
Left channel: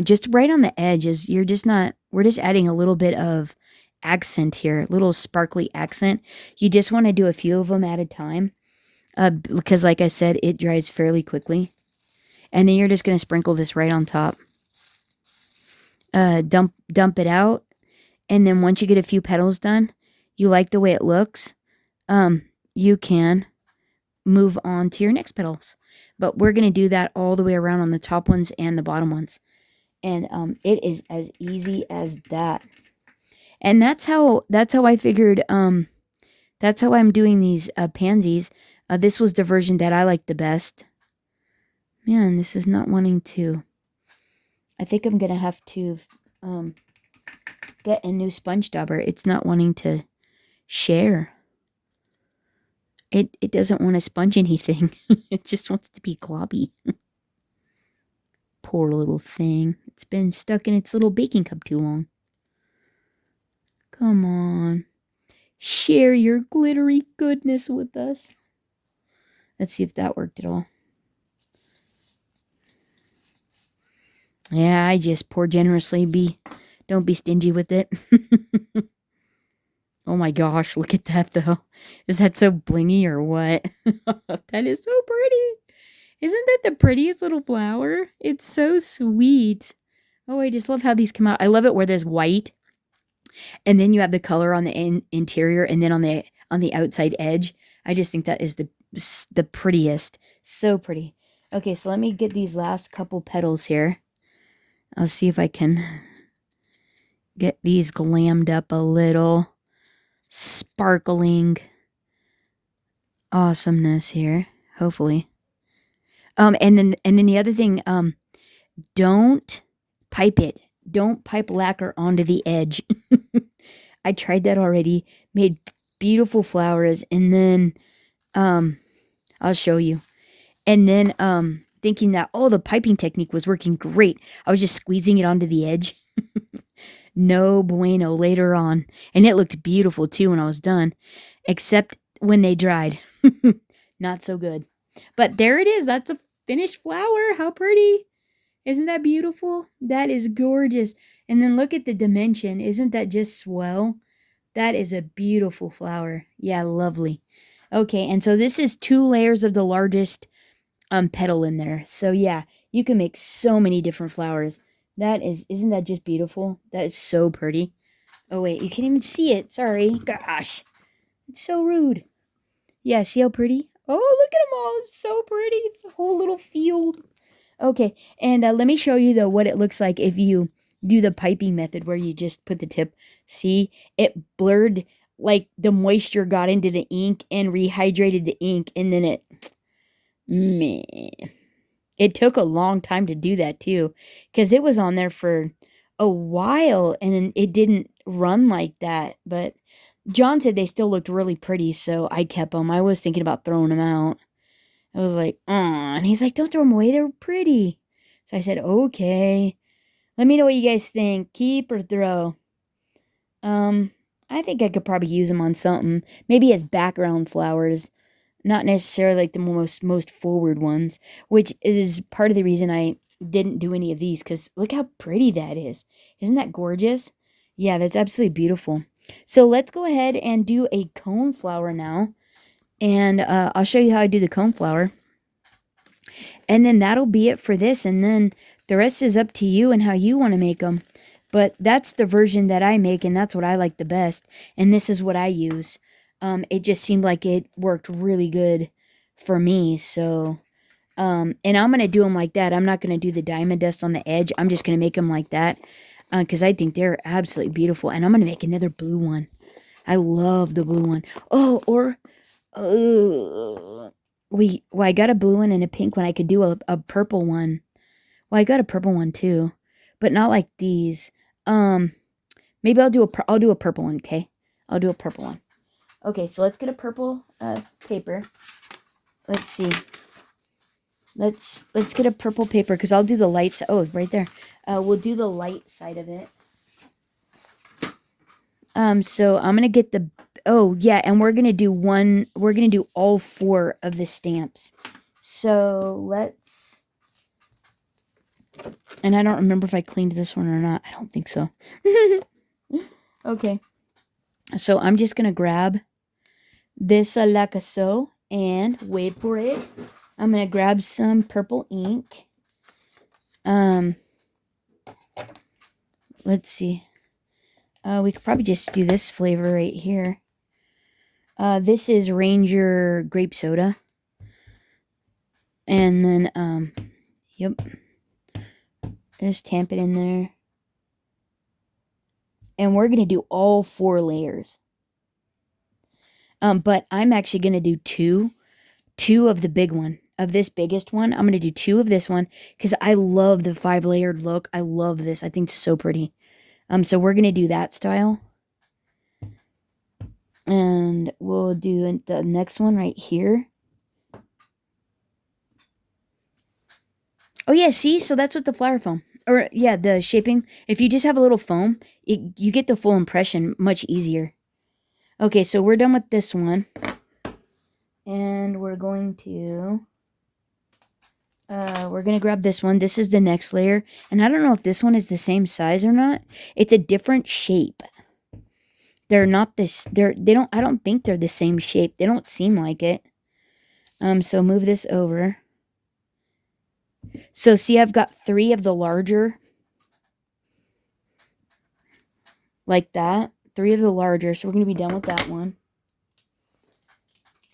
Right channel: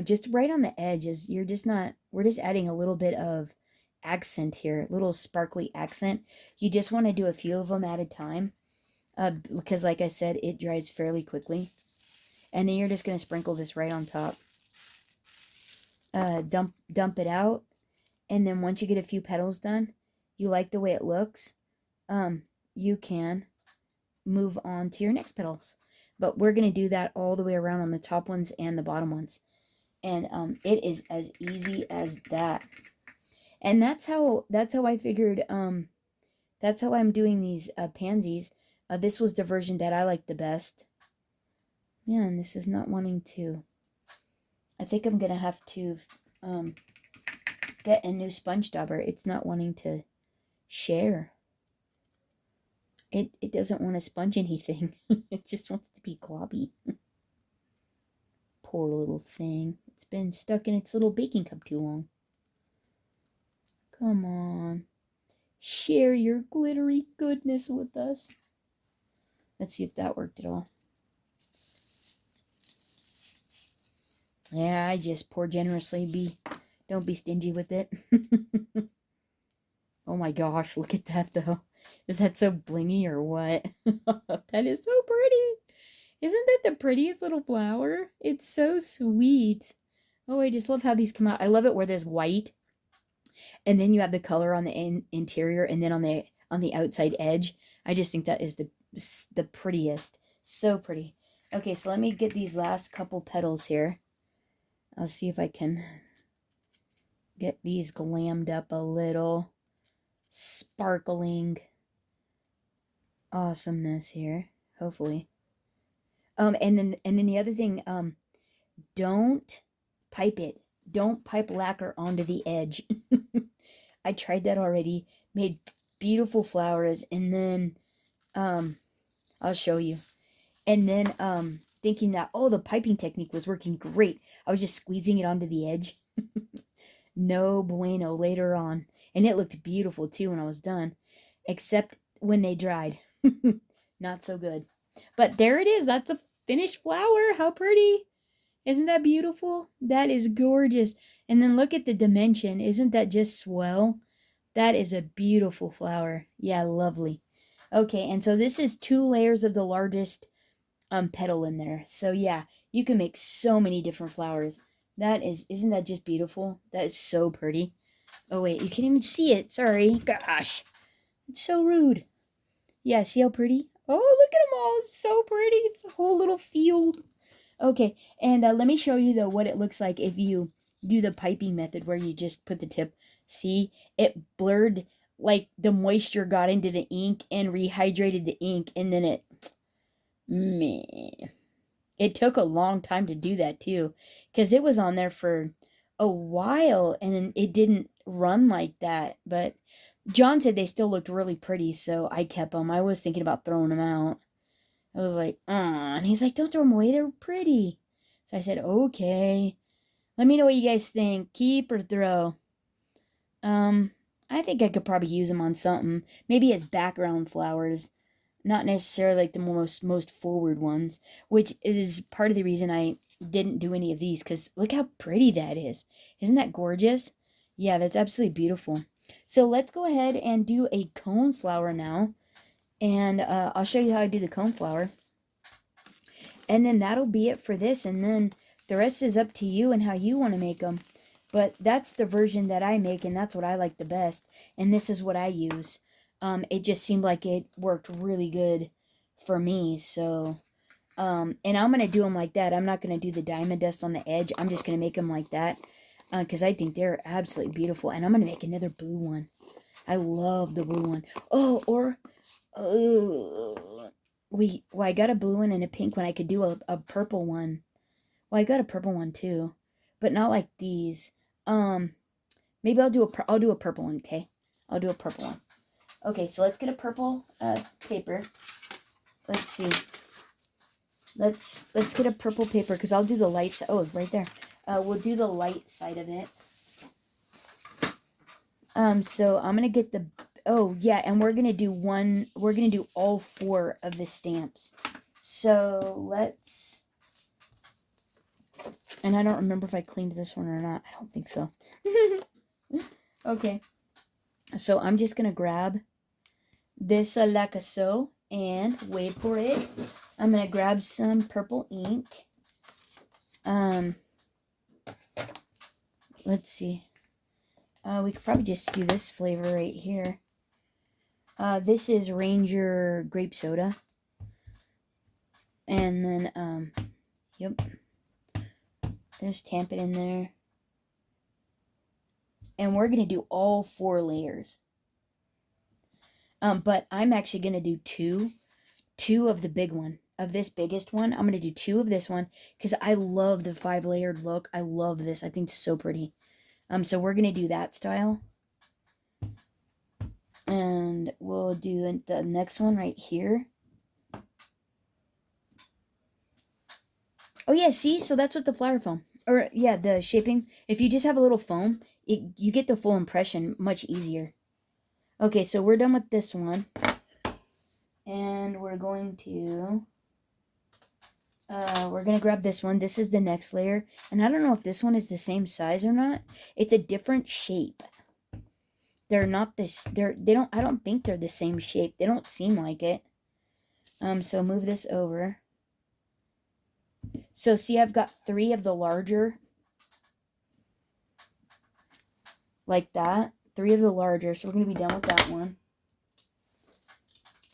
just right on the edges. We're just adding a little bit of accent here, a little sparkly accent. You just want to do a few of them at a time, because like I said, it dries fairly quickly. And then you're just gonna sprinkle this right on top. Dump it out, and then once you get a few petals done, you like the way it looks, you can move on to your next petals. But we're going to do that all the way around on the top ones and the bottom ones. And it is as easy as that. And that's how I figured, that's how I'm doing these pansies. This was the version that I liked the best. Man, this is not wanting to... I think I'm going to have to get a new sponge dauber. It's not wanting to share. It doesn't want to sponge anything. It just wants to be globby. Poor little thing. It's been stuck in its little baking cup too long. Come on. Share your glittery goodness with us. Let's see if that worked at all. Yeah, I just pour generously. Don't be stingy with it. Oh my gosh, look at that though. Is that so blingy or what? That is so pretty. Isn't that the prettiest little flower? It's so sweet. Oh, I just love how these come out. I love it where there's white, and then you have the color on the interior, and then on the outside edge. I just think that is the prettiest. So pretty. Okay, so let me get these last couple petals here. I'll see if I can get these glammed up a little. Sparkling awesomeness here, hopefully. And then the other thing, don't pipe it. Don't pipe lacquer onto the edge. I tried that already. Made beautiful flowers, and then I'll show you. And then thinking that the piping technique was working great, I was just squeezing it onto the edge. No bueno later on. And it looked beautiful too when I was done. Except when they dried. Not so good. But there it is. That's a finished flower. How pretty. Isn't that beautiful? That is gorgeous. And then look at the dimension. Isn't that just swell? That is a beautiful flower. Yeah, lovely. Okay, and so this is 2 layers of the largest petal in there. So yeah, you can make so many different flowers. Isn't that just beautiful? That is so pretty. Oh wait, you can't even see it. Sorry. Gosh. It's so rude. Yeah, see how pretty? Oh, look at them all. It's so pretty. It's a whole little field. Okay, and let me show you though what it looks like if you do the piping method where you just put the tip. See, it blurred, like the moisture got into the ink and rehydrated the ink, and then it took a long time to do that too, because it was on there for a while and it didn't run like that. But John said they still looked really pretty, so I kept them. I was thinking about throwing them out. I was like, and he's like, don't throw them away. They're pretty. So I said, okay. Let me know what you guys think. Keep or throw? I think I could probably use them on something. Maybe as background flowers. Not necessarily like the most forward ones, which is part of the reason I didn't do any of these, because look how pretty that is. Isn't that gorgeous? Yeah, that's absolutely beautiful. So let's go ahead and do a cone flower now. And I'll show you how I do the cone flower. And then that'll be it for this. And then the rest is up to you and how you want to make them. But that's the version that I make, and that's what I like the best. And this is what I use. It just seemed like it worked really good for me. So, and I'm going to do them like that. I'm not going to do the diamond dust on the edge. I'm just going to make them like that because I think they're absolutely beautiful. And I'm going to make another blue one. I love the blue one. Oh, or well, I got a blue one and a pink one. I could do a purple one. Well, I got a purple one too, but not like these. Maybe I'll do a purple one. Okay, I'll do a purple one. Okay, so let's get a purple paper. Let's see. Let's get a purple paper because I'll do the light side. Oh, right there. We'll do the light side of it. So I'm gonna get the. Oh yeah, and we're gonna do one. We're gonna do all 4 of the stamps. So let's. And I don't remember if I cleaned this one or not. I don't think so. Okay. So I'm just gonna grab this like so and wait for it. I'm gonna grab some purple ink. Let's see. We could probably just do this flavor right here. This is Ranger grape soda. And then yep. Just tamp it in there. And we're gonna do all 4 layers. But I'm actually gonna do two of the big one, of this biggest one. I'm gonna do 2 of this one because I love the 5-layered look. I love this. I think it's so pretty. So we're gonna do that style. And we'll do the next one right here. Oh yeah, see? So that's what the flower foam. Or yeah, the shaping. If you just have a little foam, you get the full impression much easier. Okay, so we're done with this one. And we're going to grab this one. This is the next layer. And I don't know if this one is the same size or not. It's a different shape. They're not this, I don't think they're the same shape. They don't seem like it. So move this over. So see, I've got 3 of the larger. Like that. 3 of the larger. So we're going to be done with that one.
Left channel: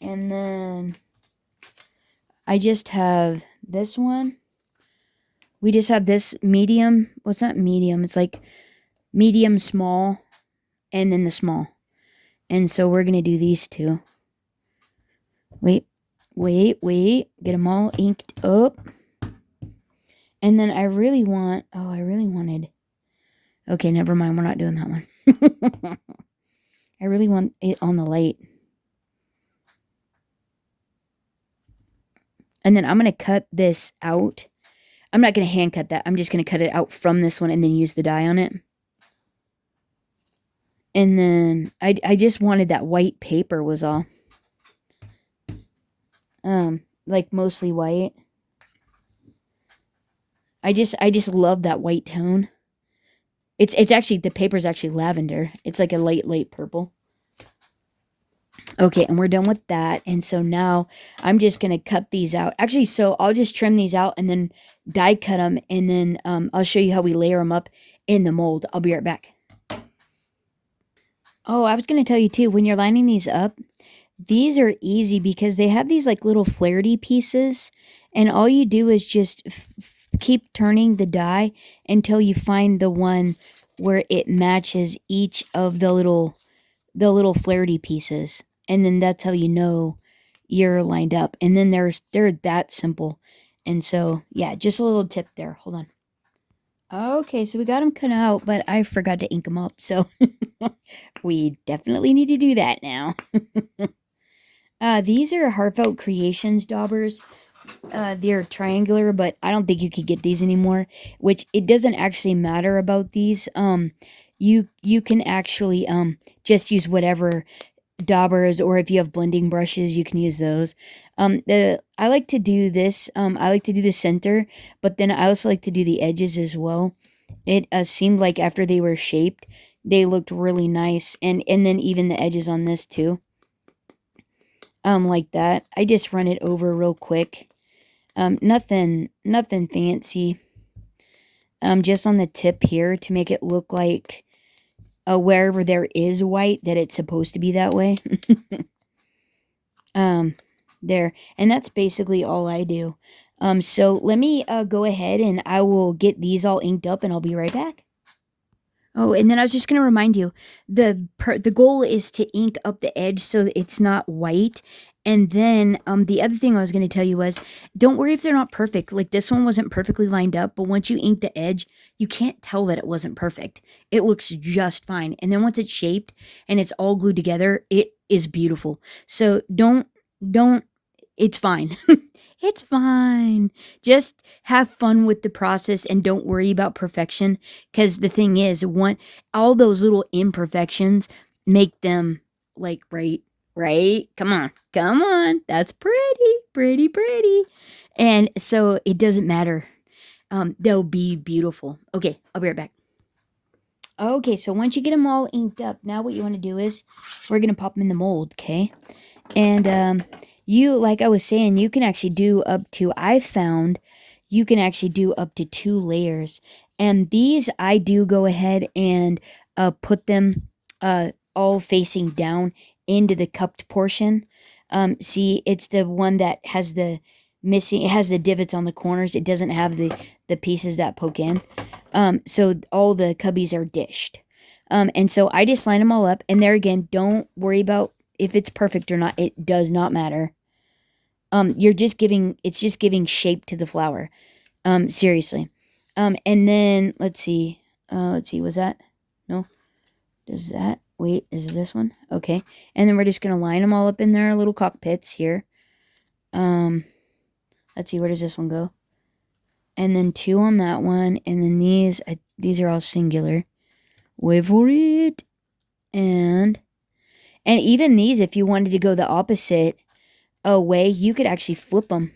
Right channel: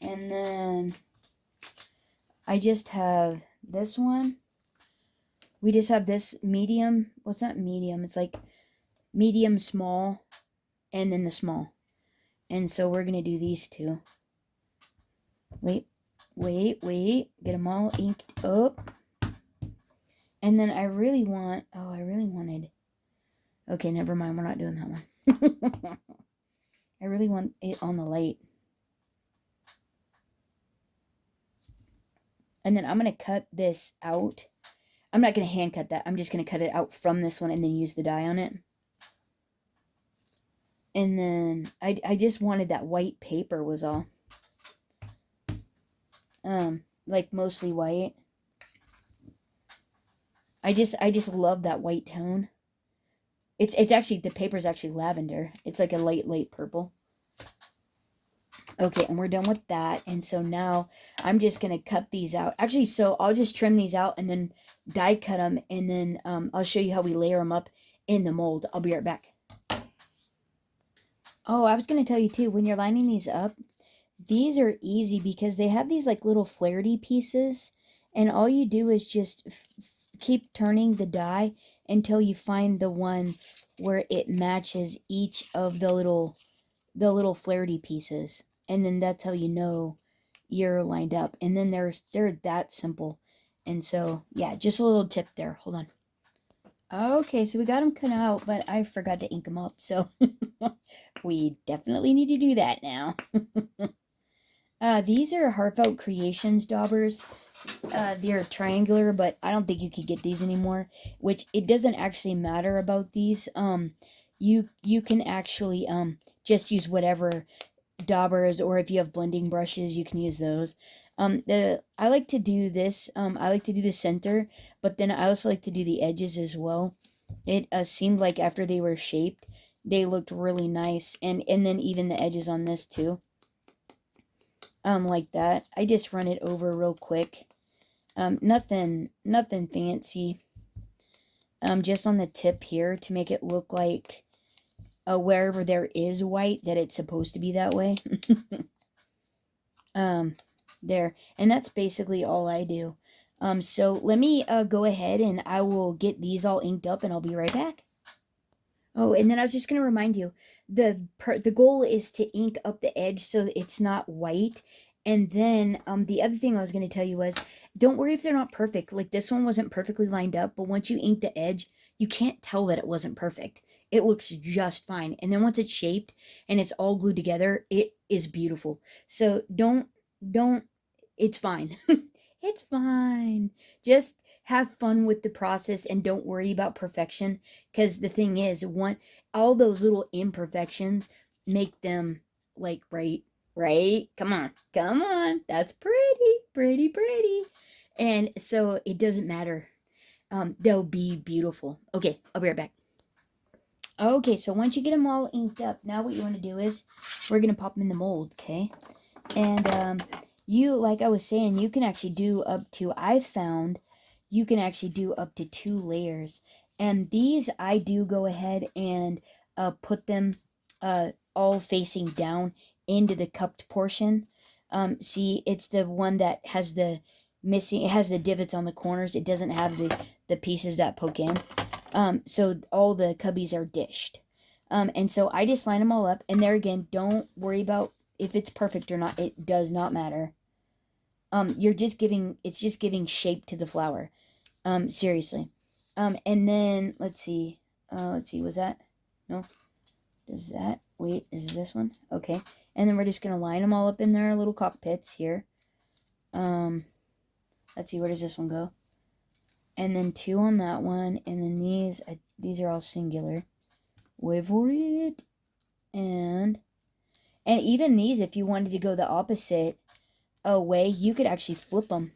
And then I just have this one. We just have this medium. Well, it's not medium. It's like medium, small, and then the small. And so we're going to do these 2. Wait. Get them all inked up. And then I really wanted. Okay, never mind. We're not doing that one. I really want it on the light. And then I'm going to cut this out. I'm not going to hand cut that. I'm just going to cut it out from this one and then use the dye on it. And then I just wanted that white paper was all. Like mostly white. I just love that white tone. It's actually, the paper's actually lavender. It's like a light purple. Okay, and we're done with that. And so now I'm just going to cut these out. Actually, so I'll just trim these out and then die cut them. And then I'll show you how we layer them up in the mold. I'll be right back. Oh, I was going to tell you too, when you're lining these up, these are easy because they have these like little flairty pieces. And all you do is just keep turning the die until you find the one where it matches each of the little flairty pieces. And then that's how you know you're lined up. And then they're that simple. And so, yeah, just a little tip there. Hold on. Okay, so we got them cut out, but I forgot to ink them up. So we definitely need to do that now. These are Heartfelt Creations daubers. They're triangular, but I don't think you could get these anymore, which it doesn't actually matter about these. You can actually just use whatever daubers, or if you have blending brushes, you can use those. The I like to do this. I like to do the center, but then I also like to do the edges as well. It seemed like after they were shaped, they looked really nice, and then even the edges on this too. Like that. I just run it over real quick. Nothing fancy. Just on the tip here to make it look like wherever there is white, that it's supposed to be that way. There, and that's basically all I do. So let me go ahead and I will get these all inked up, and I'll be right back. Oh, and then I was just going to remind you, the goal is to ink up the edge so that it's not white. And then the other thing I was going to tell you was, don't worry if they're not perfect. Like this one wasn't perfectly lined up, but once you ink the edge, you can't tell that it wasn't perfect. It looks just fine. And then once it's shaped and it's all glued together, it is beautiful. So don't, it's fine. It's fine. Just have fun with the process and don't worry about perfection. Because the thing is, all those little imperfections make them like right. Come on. That's pretty. And so it doesn't matter. They'll be beautiful. Okay, I'll be right back. Okay, so once you get them all inked up, now what you want to do is we're gonna pop them in the mold, okay? And you, like I was saying, you can actually do up to, I found you can actually do up to 2 layers. And these I do go ahead and put them all facing down into the cupped portion. See, it's the one that has the it has the divots on the corners. It doesn't have the pieces that poke in. So all the cubbies are dished. And so I just line them all up. And there again, don't worry about if it's perfect or not. It does not matter. It's just giving shape to the flower. Seriously. And then let's see, was that? No. Does that, wait, is this one? Okay. And then we're just going to line them all up in their little cockpits here. Let's see, where does this one go? And then 2 on that one. And then these are all singular. Wait for it. And even these, if you wanted to go the opposite way, you could actually flip them.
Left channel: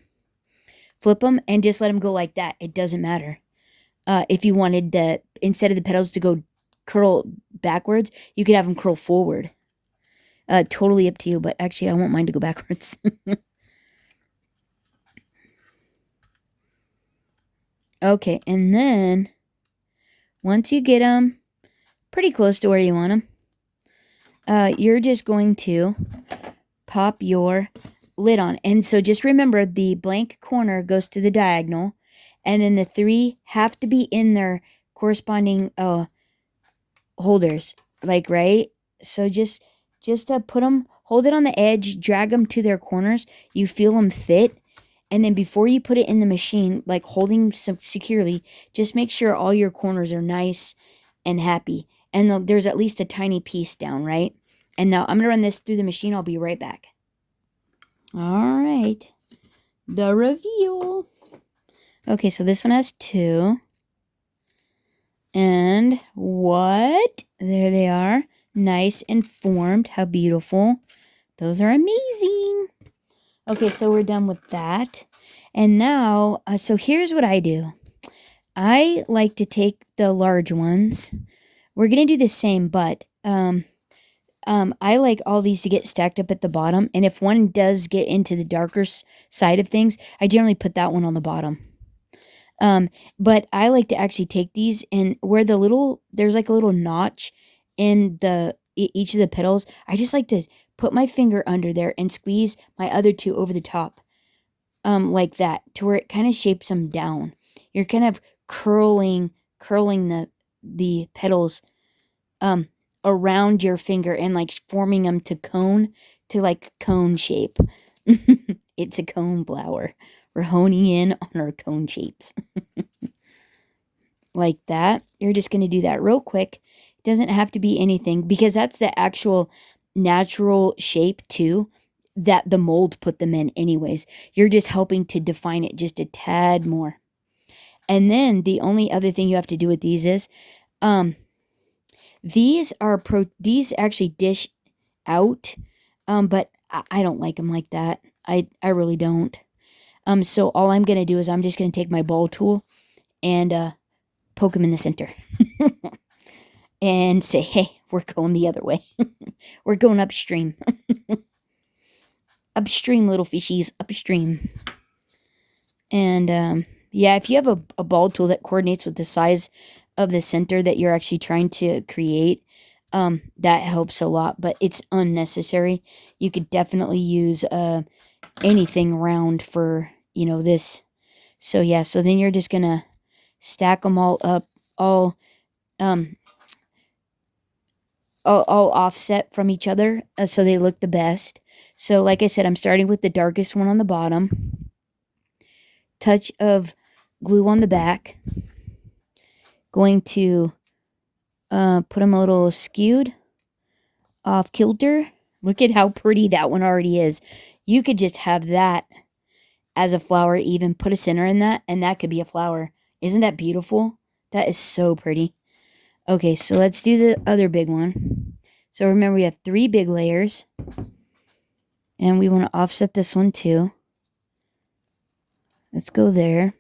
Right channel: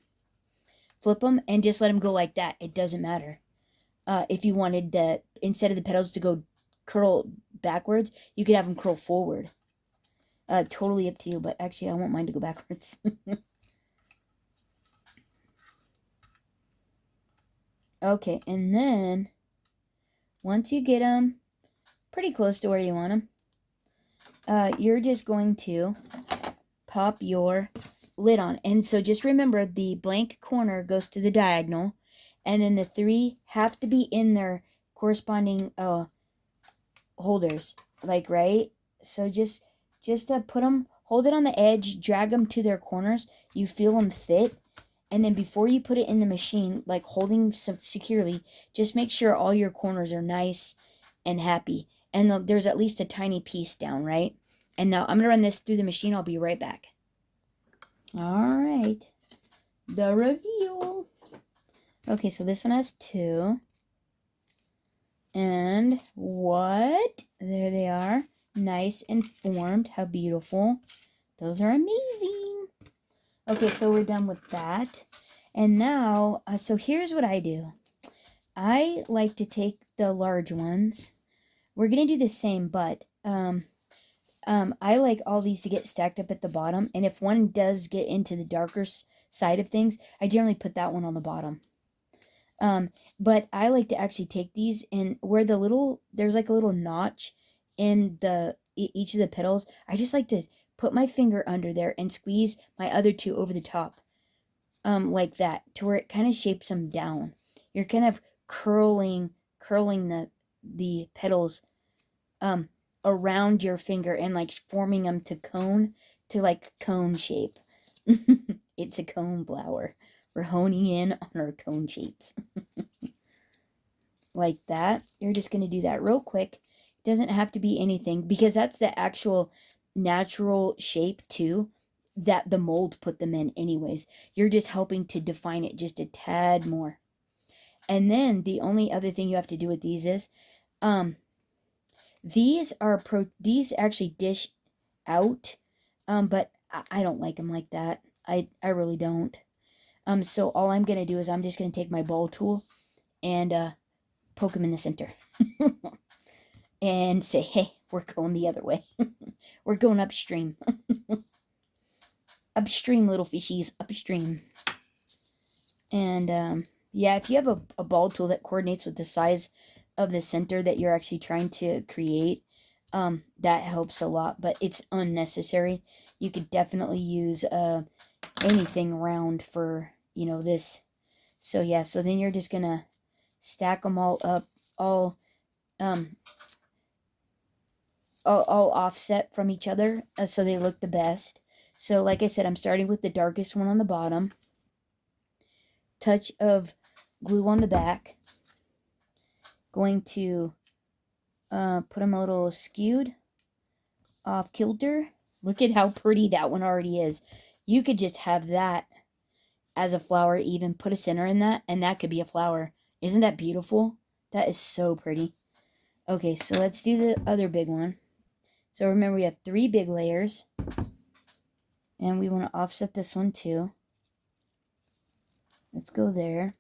Flip them and just let them go like that. It doesn't matter. If you wanted instead of the petals to go curl backwards, you could have them curl forward. Totally up to you, but actually I won't mind to go backwards. Okay, and then once you get them pretty close to where you want them, you're just going to pop your lid on. And so just remember, the blank corner goes to the diagonal, and then the 3 have to be in their corresponding holders, like, right? So just put them, hold it on the edge, drag them to their corners. You feel them fit. And then before you put it in the machine, like holding some securely, just make sure all your corners are nice and happy. And there's at least a tiny piece down, right? And now I'm going to run this through the machine. I'll be right back. All right. The reveal. Okay, so this one has 2. And what? There they are. Nice and formed. How beautiful. Those are amazing. Okay, so we're done with that. And now, so here's what I do. I like to take the large ones. We're going to do the same, but I like all these to get stacked up at the bottom. And if one does get into the darker side of things, I generally put that one on the bottom. But I like to actually take these, and where there's like a little notch in each of the petals, I just like to put my finger under there and squeeze my other 2 over the top, like that, to where it kind of shapes them down. You're kind of curling the petals, around your finger and like forming them to cone shape. It's a cone flower. We're honing in on our cone shapes. Like that. You're just going to do that real quick. It doesn't have to be anything, because that's the actual natural shape too. that the mold put them in anyways. You're just helping to define it just a tad more. And then the only other thing you have to do with these is these actually dish out, but I don't like them like that. I really don't. So all I'm gonna do is I'm just gonna take my ball tool and poke them in the center and say, hey, we're going the other way. We're going upstream. Upstream, little fishies, upstream. And yeah, if you have a ball tool that coordinates with the size of the center that you're actually trying to create, that helps a lot, but it's unnecessary. You could definitely use anything round for, this. So yeah, so then you're just gonna stack them all up, all offset from each other, so they look the best. So like I said, I'm starting with the darkest one on the bottom. Touch of glue on the back. Going to put them a little skewed, off kilter. Look at how pretty that one already is. You could just have that as a flower, even put a center in that, and that could be a flower. Isn't that beautiful? That is so pretty. Okay, so let's do the other big one. So remember, we have 3 big layers, and we want to offset this one too. Let's go there.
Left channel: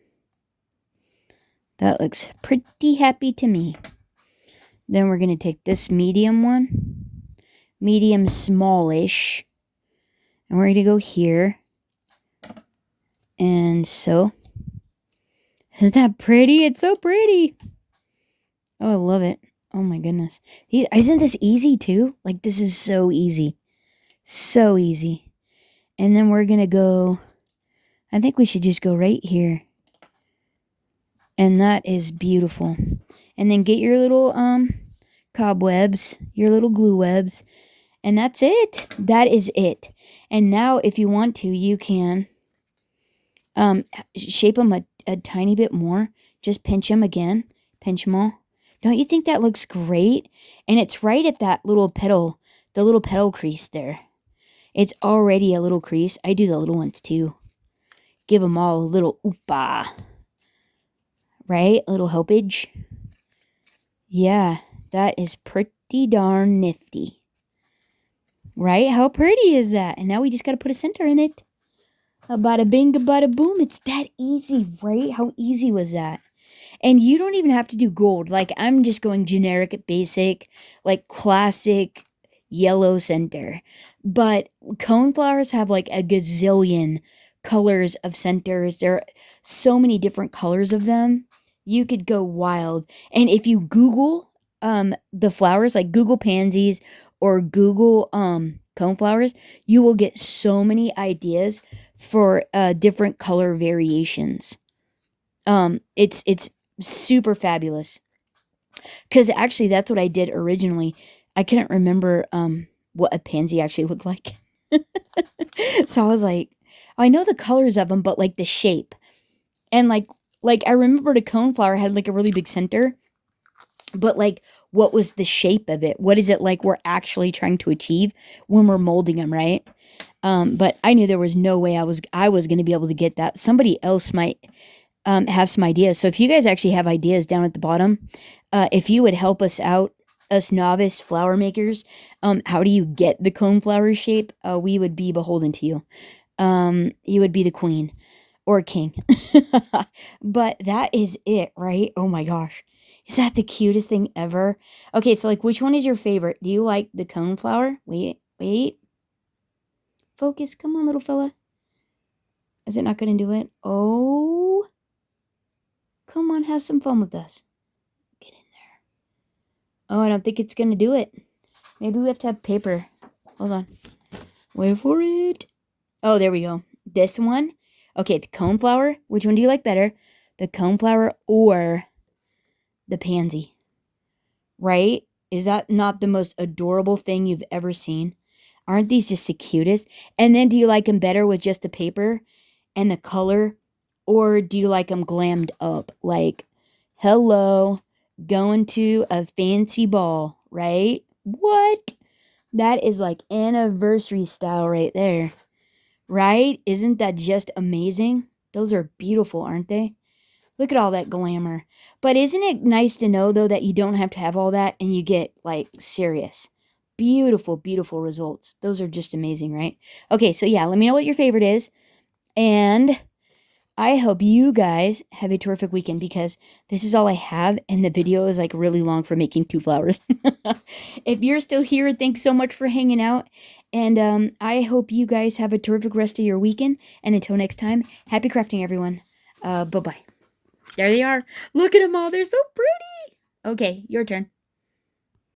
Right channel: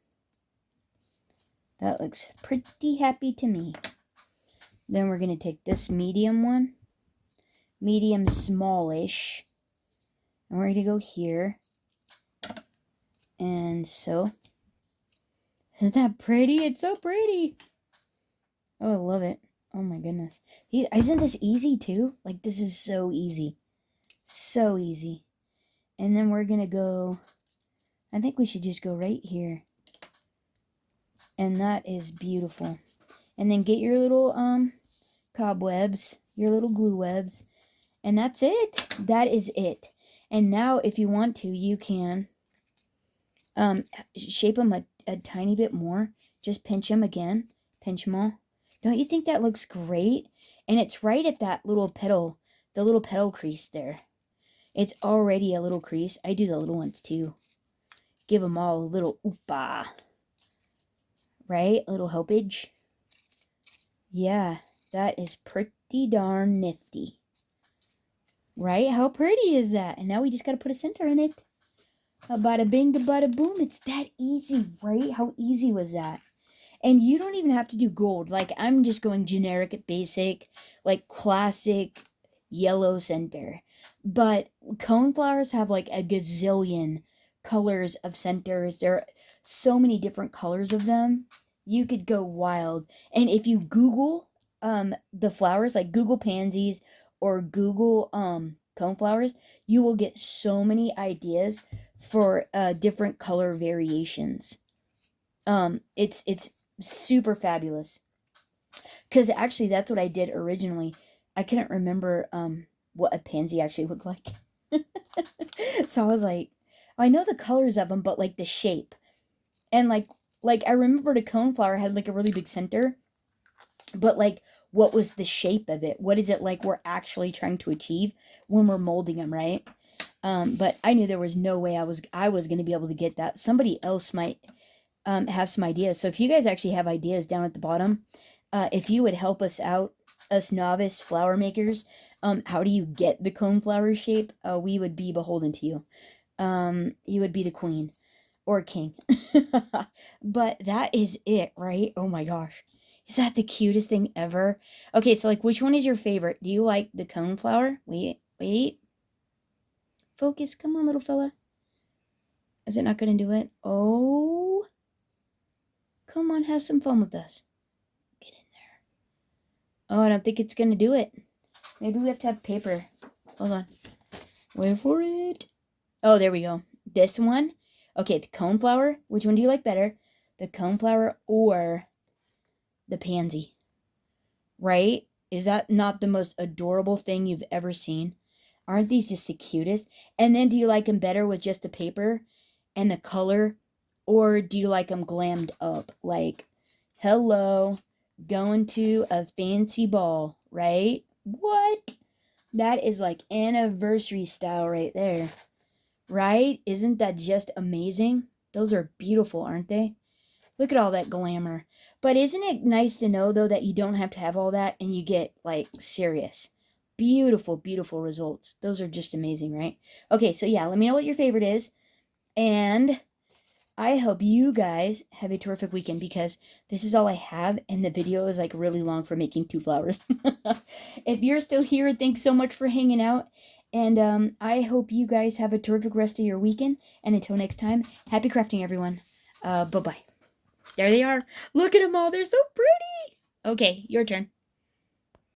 That looks pretty happy to me. Then we're going to take this medium one, medium smallish, and we're going to go here. And so, isn't that pretty? It's so pretty. Oh, I love it. Oh my goodness. Isn't this easy too? Like, this is so easy. So easy. And then we're going to go, I think we should just go right here. And that is beautiful. And then get your little cobwebs, your little glue webs. And that's it. That is it. And now if you want to, you can shape them a tiny bit more. Just pinch them again. Pinch them all. Don't you think that looks great? And it's right at that little petal, the little petal crease there. It's already a little crease. I do the little ones too. Give them all a little oopa. Right? A little helpage. Yeah, that is pretty darn nifty. Right? How pretty is that? And now we just got to put a center in it. Bada bing, bada boom. It's that easy, right? How easy was that? And you don't even have to do gold. Like, I'm just going generic, basic, like classic yellow center. But coneflowers have like a gazillion colors of centers. There are so many different colors of them. You could go wild. And if you Google the flowers, like Google pansies or Google coneflowers, you will get so many ideas for different color variations. It's super fabulous. Because actually, that's what I did originally. I couldn't remember what a pansy actually looked like. So I was like, oh, I know the colors of them, but like the shape. And like I remembered a coneflower had like a really big center. But like, what was the shape of it? What is it like we're actually trying to achieve when we're molding them, right? But I knew there was no way I was going to be able to get that. Somebody else might have some ideas. So if you guys actually have ideas down at the bottom, if you would help us out, us novice flower makers, how do you get the coneflower shape? We would be beholden to you. You would be the queen or king. But that is it, right? Oh my gosh. Is that the cutest thing ever? Okay, so like, which one is your favorite? Do you like the coneflower? Wait. Focus. Come on, little fella. Is it not going to do it? Oh. Come on, have some fun with us. Get in there. Oh, I don't think it's going to do it. Maybe we have to have paper. Hold on. Wait for it. Oh, there we go. This one. Okay, the coneflower. Which one do you like better? The coneflower or the pansy? Right? Is that not the most adorable thing you've ever seen? Aren't these just the cutest? And then do you like them better with just the paper and the color? Or do you like them glammed up? Like, hello, going to a fancy ball, right? What? That is like anniversary style right there. Right? Isn't that just amazing? Those are beautiful, aren't they? Look at all that glamour. But isn't it nice to know, though, that you don't have to have all that and you get, like, serious, beautiful, beautiful results? Those are just amazing, right? Okay, so yeah, let me know what your favorite is. And I hope you guys have a terrific weekend because this is all I have, and the video is like really long for making 2 flowers. If you're still here, thanks so much for hanging out. And I hope you guys have a terrific rest of your weekend. And until next time, happy crafting, everyone. Bye bye. There they are. Look at them all. They're so pretty. Okay, your turn.